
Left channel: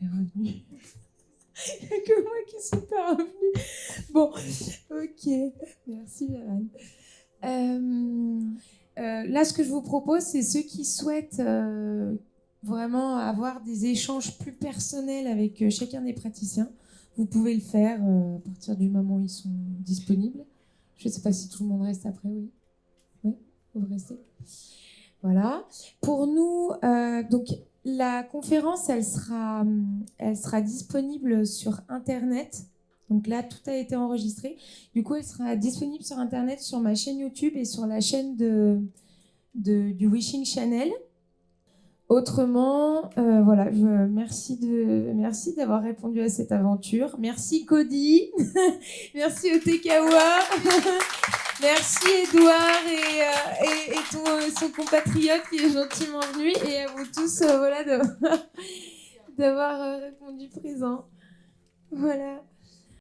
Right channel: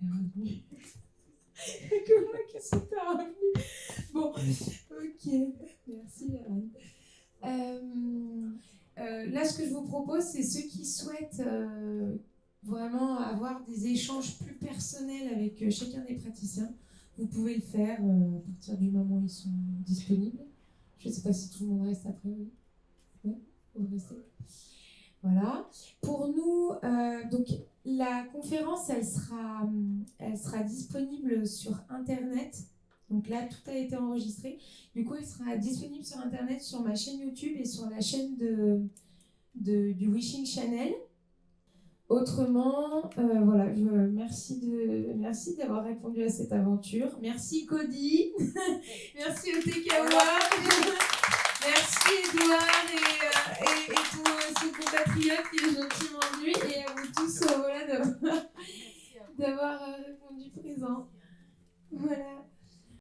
Revenu. Il n'y a que moi qui suis pas revenue. Bon, ok. Merci, Anne. Là, ce que je vous propose, c'est ceux qui souhaitent vraiment avoir des échanges plus personnels avec chacun des praticiens. Vous pouvez le faire à partir du moment où ils sont disponibles. Je ne sais pas si tout le monde reste après, oui. Oui, vous restez. Voilà. Pour nous, donc la conférence, elle sera disponible sur Internet. Donc là, tout a été enregistré. Du coup, elle sera disponible sur Internet, sur ma chaîne YouTube et sur la chaîne du Wishing Channel. Autrement, voilà, merci d'avoir répondu à cette aventure. Merci Cody, merci Otekawa, merci Edouard et tout son compatriote qui est gentiment venu, et à vous tous voilà, d'avoir répondu présent. Voilà.